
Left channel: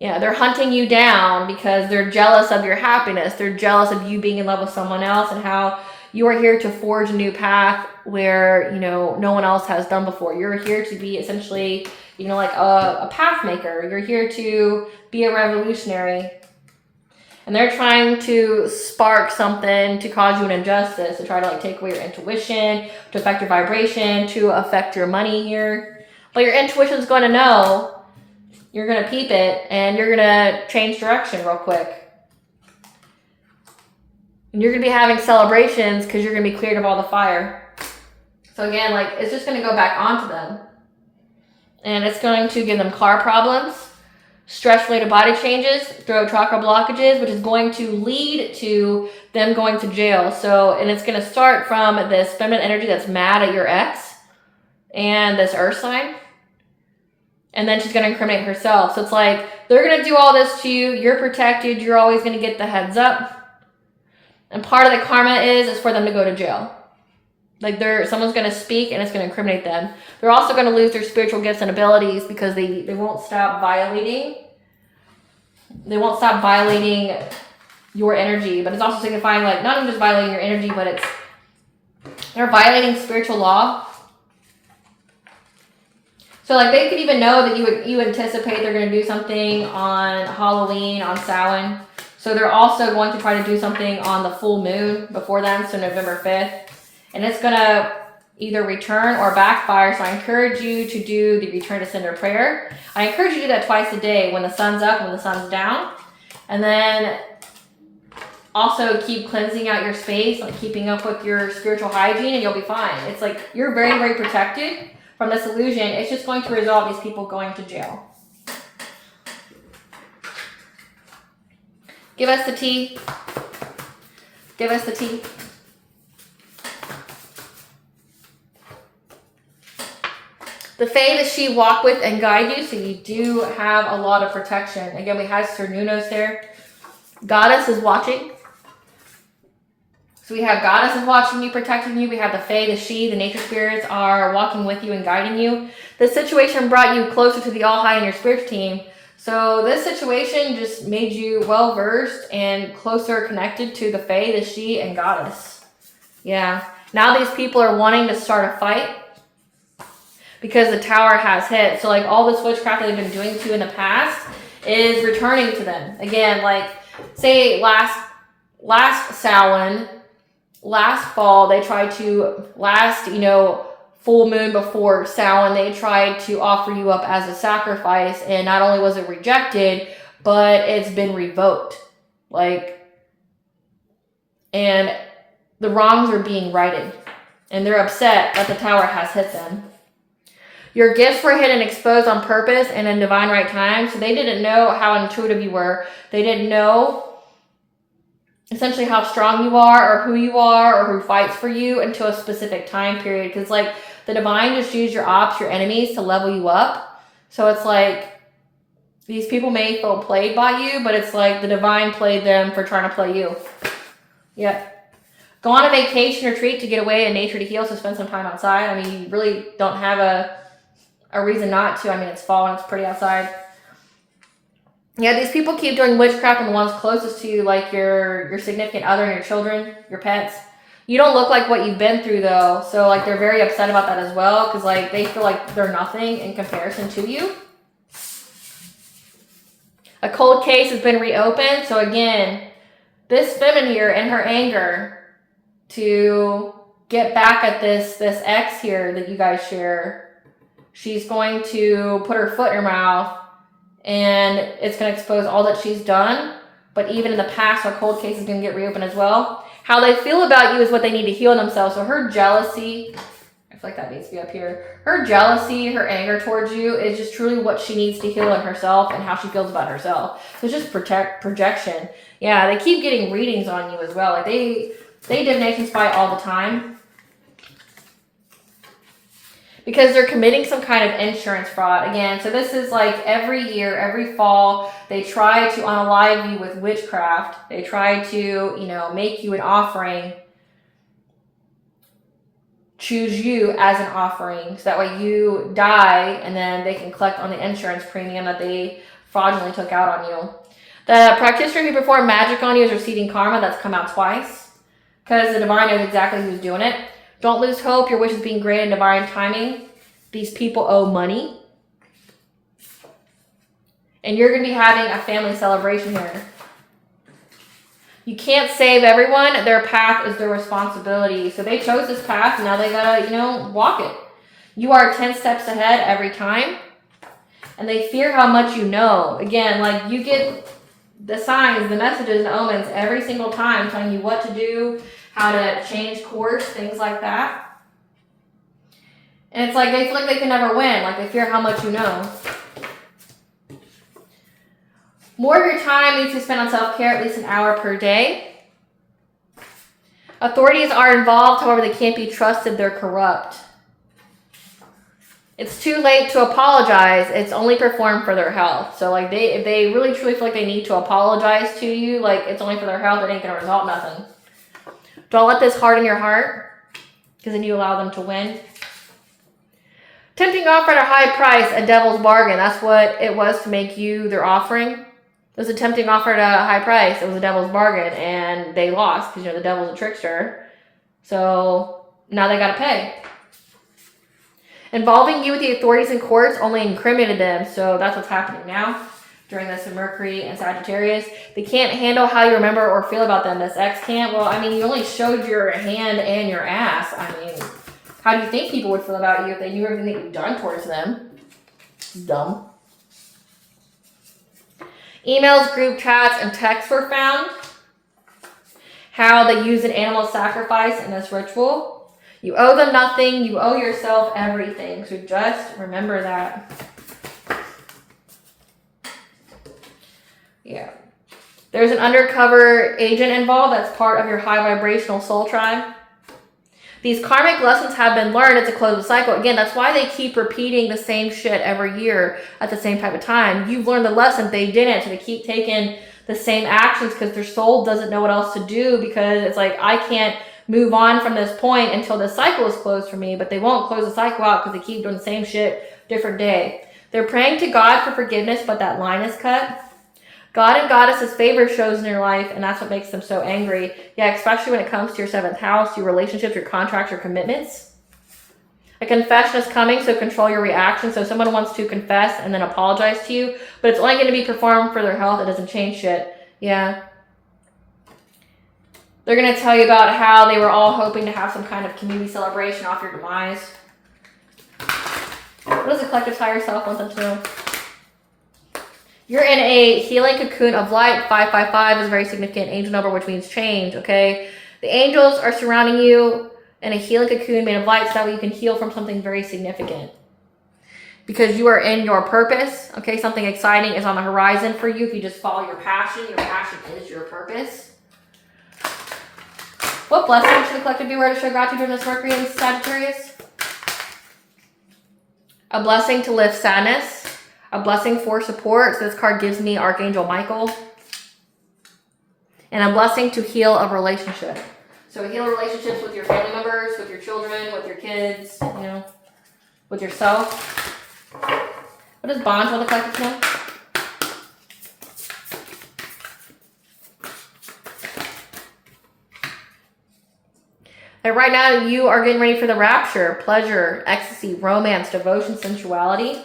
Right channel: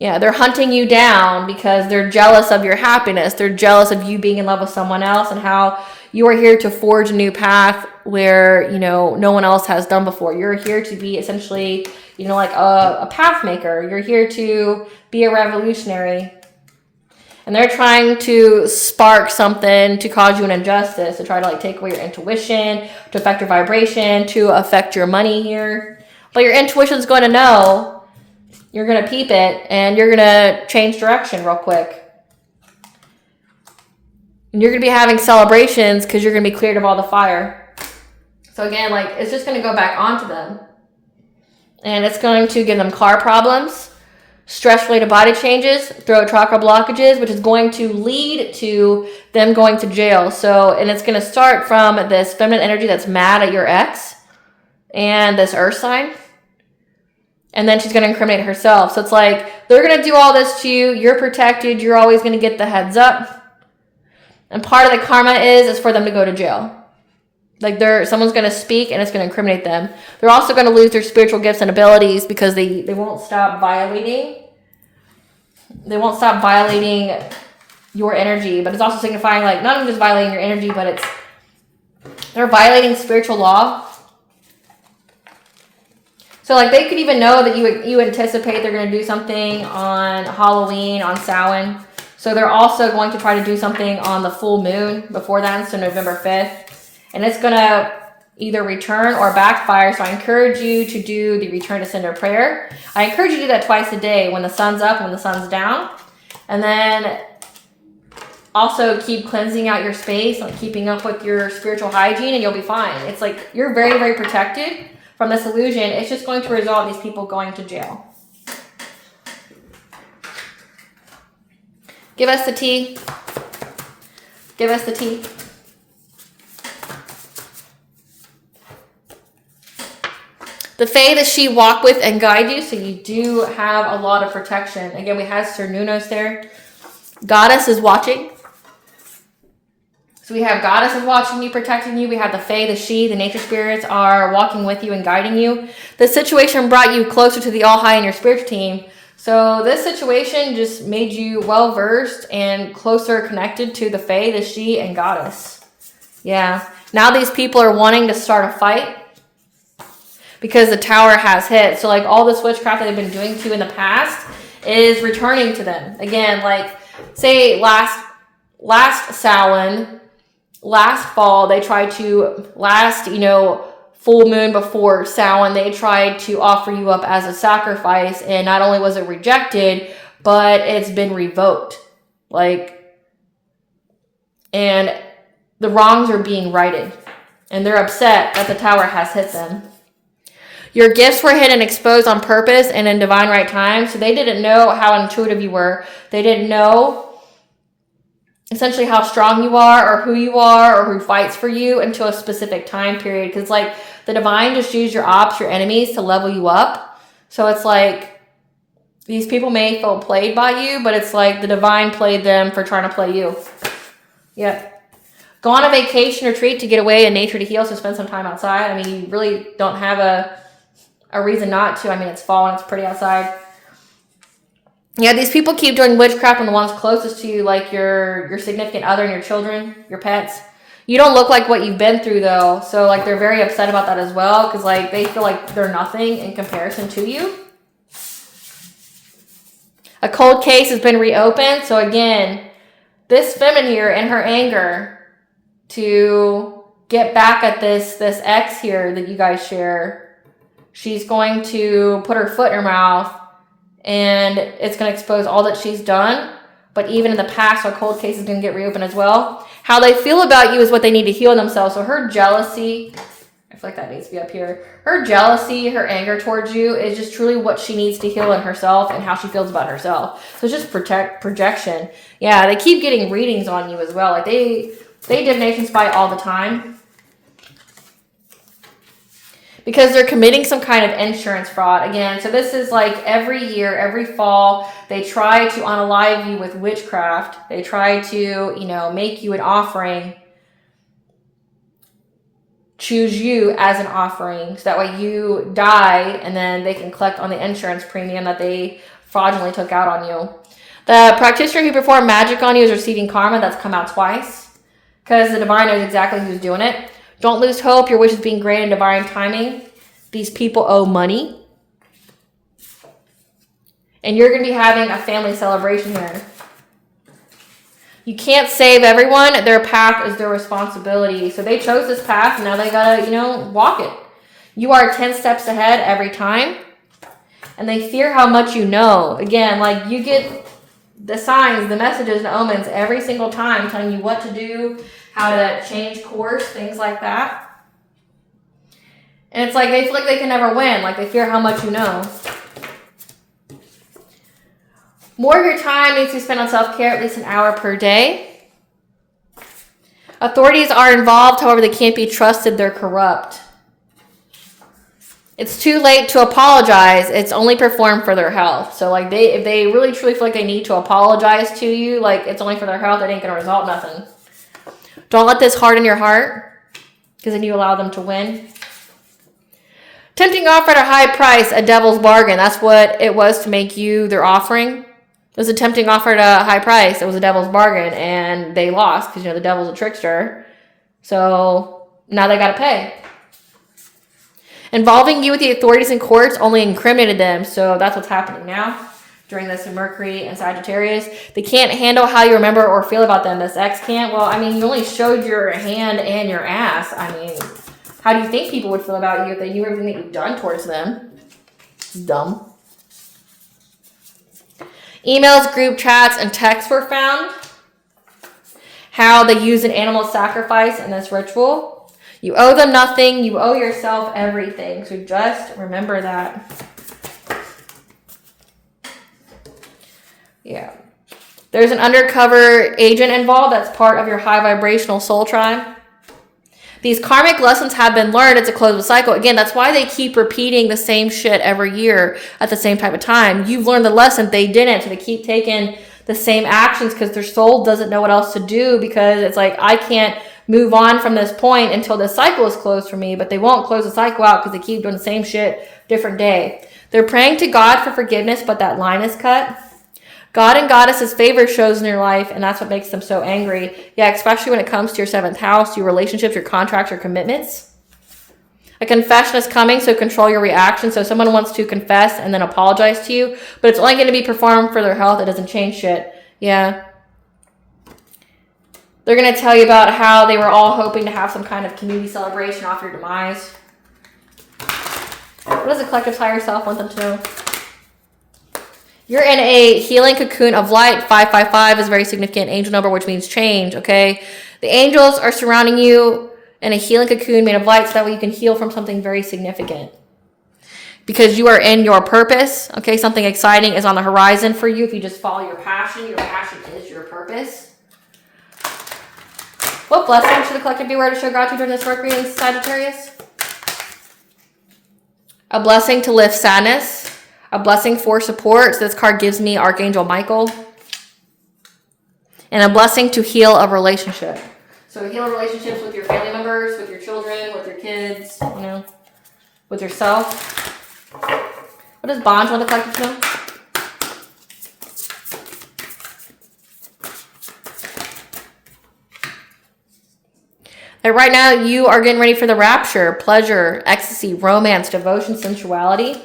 Yeah, they're hunting you down because they're jealous of your happiness. They're jealous of you being in love with someone else and how you are here to forge a new path where, no one else has done before. You're here to be essentially, like a path maker. You're here to be a revolutionary. And they're trying to spark something to cause you an injustice, to try to take away your intuition, to affect your vibration, to affect your money here. But your intuition is going to know. You're going to peep it, and you're going to change direction real quick. And you're going to be having celebrations because you're going to be cleared of all the fire. So again, it's just going to go back onto them. And it's going to give them car problems, stress-related body changes, throat chakra blockages, which is going to lead to them going to jail. And it's going to start from this feminine energy that's mad at your ex and this earth sign. And then she's going to incriminate herself. So it's they're going to do all this to you. You're protected. You're always going to get the heads up. And part of the karma is for them to go to jail. Someone's going to speak and it's going to incriminate them. They're also going to lose their spiritual gifts and abilities because they won't stop violating. They won't stop violating your energy. But it's also signifying not only just violating your energy, but they're violating spiritual law. So they could even know that you anticipate they're going to do something on Halloween, on Samhain. So they're also going to try to do something on the full moon before that, so November 5th. And it's going to either return or backfire. So I encourage you to do the return to sender prayer. I encourage you to do that twice a day, when the sun's up and when the sun's down. And then also keep cleansing out your space, like keeping up with your spiritual hygiene, and you'll be fine. It's like you're very, very protected from this illusion. It's just going to result in these people going to jail. Give us the tea. Give us the tea. The Fae that she walk with and guide you, so you do have a lot of protection. Again, we have Sir Nunos there. Goddess is watching. So we have Goddesses watching you, protecting you. We have the Fae, the She, the nature spirits are walking with you and guiding you. This situation brought you closer to the All High in your spiritual team. So this situation just made you well-versed and closer connected to the Fae, the She, and Goddess. Yeah. Now these people are wanting to start a fight because the tower has hit. So like all this witchcraft that they've been doing to in the past is returning to them. Again, like say last Samhain, last fall, they tried to, full moon before Samhain, they tried to offer you up as a sacrifice, and not only was it rejected, but it's been revoked. And the wrongs are being righted, and they're upset that the tower has hit them. Your gifts were hidden and exposed on purpose and in divine right time, so they didn't know how intuitive you were. They didn't know essentially how strong you are or who fights for you until a specific time period. Because the divine just used your ops, your enemies, to level you up. So it's like these people may feel played by you, but it's like the divine played them for trying to play you. Yeah. Go on a vacation retreat to get away in nature to heal, so spend some time outside. I mean, you really don't have a reason not to. I mean, it's fall and it's pretty outside. Yeah, these people keep doing witchcraft on the ones closest to you, like your significant other and your children, your pets. You don't look like what you've been through, though. So, they're very upset about that as well, because, they feel like they're nothing in comparison to you. A cold case has been reopened. So, again, this feminine here, in her anger to get back at this ex here that you guys share, she's going to put her foot in her mouth, and it's going to expose all that she's done. But even in the past, our cold case is going to get reopened as well. How they feel about you is what they need to heal themselves. So her jealousy, I feel like that needs to be up here. Her jealousy, her anger towards you is just truly what she needs to heal in herself and how she feels about herself. So it's just projection. Yeah, they keep getting readings on you as well. They divination spy all the time, because they're committing some kind of insurance fraud. Again, so this is every year, every fall, they try to unalive you with witchcraft. They try to, make you an offering, choose you as an offering, so that way you die, and then they can collect on the insurance premium that they fraudulently took out on you. The practitioner who performed magic on you is receiving karma. That's come out twice, because the divine knows exactly who's doing it. Don't lose hope. Your wish is being granted in divine timing. These people owe money. And you're going to be having a family celebration here. You can't save everyone. Their path is their responsibility. So they chose this path, and now they got to, walk it. You are 10 steps ahead every time. And they fear how much you know. Again, you get the signs, the messages, and omens every single time telling you what to do, how to change course, things like that. And it's they feel like they can never win. They fear how much you know. More of your time needs to be spent on self-care, at least an hour per day. Authorities are involved, however, they can't be trusted. They're corrupt. It's too late to apologize. It's only performed for their health. So if they really truly feel like they need to apologize to you, it's only for their health, it ain't going to result nothing. Don't let this harden your heart, because then you allow them to win. Tempting offer at a high price, a devil's bargain. That's what it was to make you their offering. It was a tempting offer at a high price. It was a devil's bargain, and they lost because, the devil's a trickster. So now they got to pay. Involving you with the authorities and courts only incriminated them. So that's what's happening now. During this Mercury and Sagittarius, they can't handle how you remember or feel about them. This ex can't. Well, you only showed your hand and your ass. How do you think people would feel about you if they knew everything that you've done towards them? It's dumb. Emails, group chats, and texts were found. How they use an animal sacrifice in this ritual. You owe them nothing. You owe yourself everything. So just remember that. Yeah. There's an undercover agent involved that's part of your high vibrational soul tribe. These karmic lessons have been learned. It's a closed cycle. Again, that's why they keep repeating the same shit every year at the same type of time. You've learned the lesson. They didn't. So they keep taking the same actions because their soul doesn't know what else to do, because it's like, I can't move on from this point until this cycle is closed for me. But they won't close the cycle out because they keep doing the same shit different day. They're praying to God for forgiveness, but that line is cut. God and Goddess's favor shows in your life, and that's what makes them so angry. Yeah, especially when it comes to your 7th house, your relationships, your contracts, your commitments. A confession is coming, so control your reaction. So someone wants to confess and then apologize to you, but it's only going to be performed for their health. It doesn't change shit. Yeah. They're going to tell you about how they were all hoping to have some kind of community celebration off your demise. What does the collective's higher self want them to know? You're in a healing cocoon of light. 555 is a very significant angel number, which means change, okay? The angels are surrounding you in a healing cocoon made of light, so that way you can heal from something very significant. Because you are in your purpose, okay? Something exciting is on the horizon for you if you just follow your passion. Your passion is your purpose. What blessing should the collective be aware to show gratitude during this Mercury in Sagittarius? A blessing to lift sadness. A blessing for support. So this card gives me Archangel Michael. And a blessing to heal a relationship. So heal relationships with your family members, with your children, with your kids, you know, with yourself. What does Bonds want the collective to know? And right now you are getting ready for the rapture, pleasure, ecstasy, romance, devotion, sensuality.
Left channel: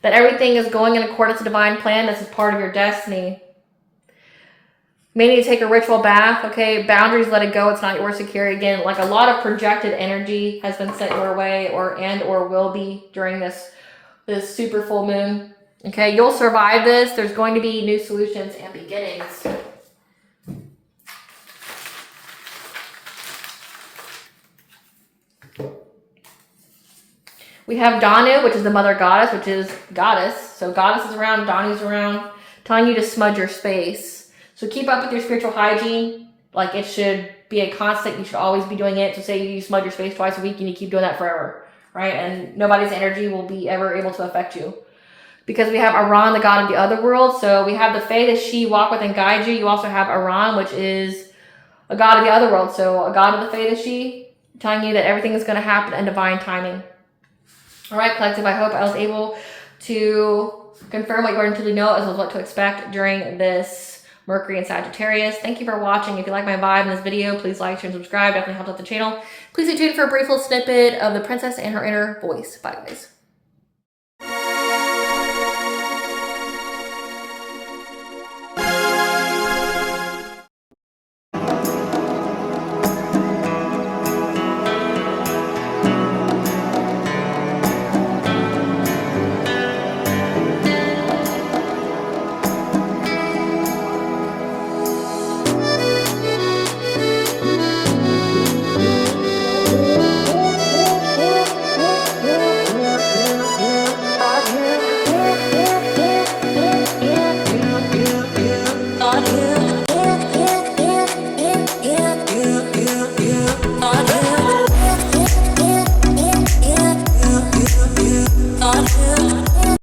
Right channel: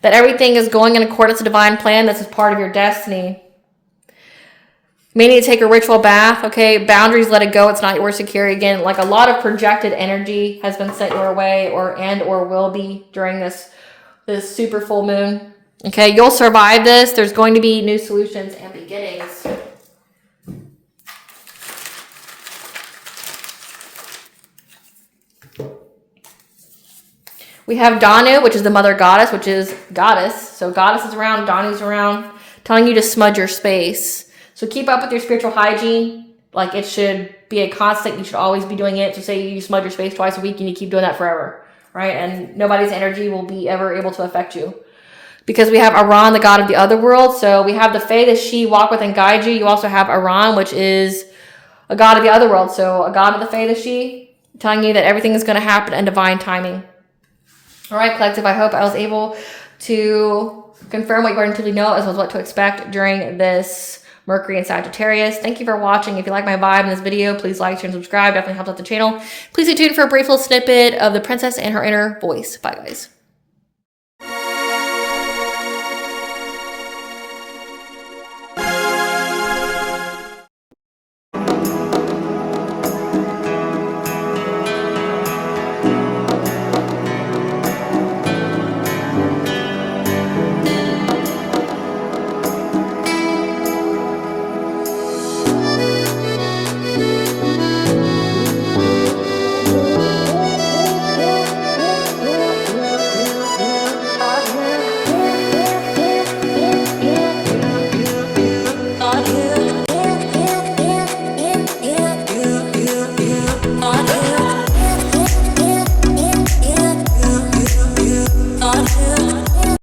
That everything is going in accordance to divine plan. This is part of your destiny. You may need to take a ritual bath, okay? Boundaries, let it go. It's not yours to carry. Again, like a lot of projected energy has been sent your way or will be during this super full moon. Okay, you'll survive this. There's going to be new solutions and beginnings. We have Danu, which is the mother goddess, which is goddess. So goddess is around, Danu's around, telling you to smudge your space. So keep up with your spiritual hygiene. Like it should be a constant. You should always be doing it. So say you smudge your space twice a week and you keep doing that forever, right? And nobody's energy will be ever able to affect you. Because we have Iran, the god of the other world. So we have the Fae that she walk with and guide you. You also have Iran, which is a god of the other world. So a god of the Fae that she, telling you that everything is going to happen in divine timing. All right, collective, I hope I was able to confirm what you already know as well as what to expect during this Mercury in Sagittarius. Thank you for watching. If you like my vibe in this video, please like, share, and subscribe. Definitely helps out the channel. Please stay tuned for a brief little snippet of the princess and her inner voice. Bye, guys.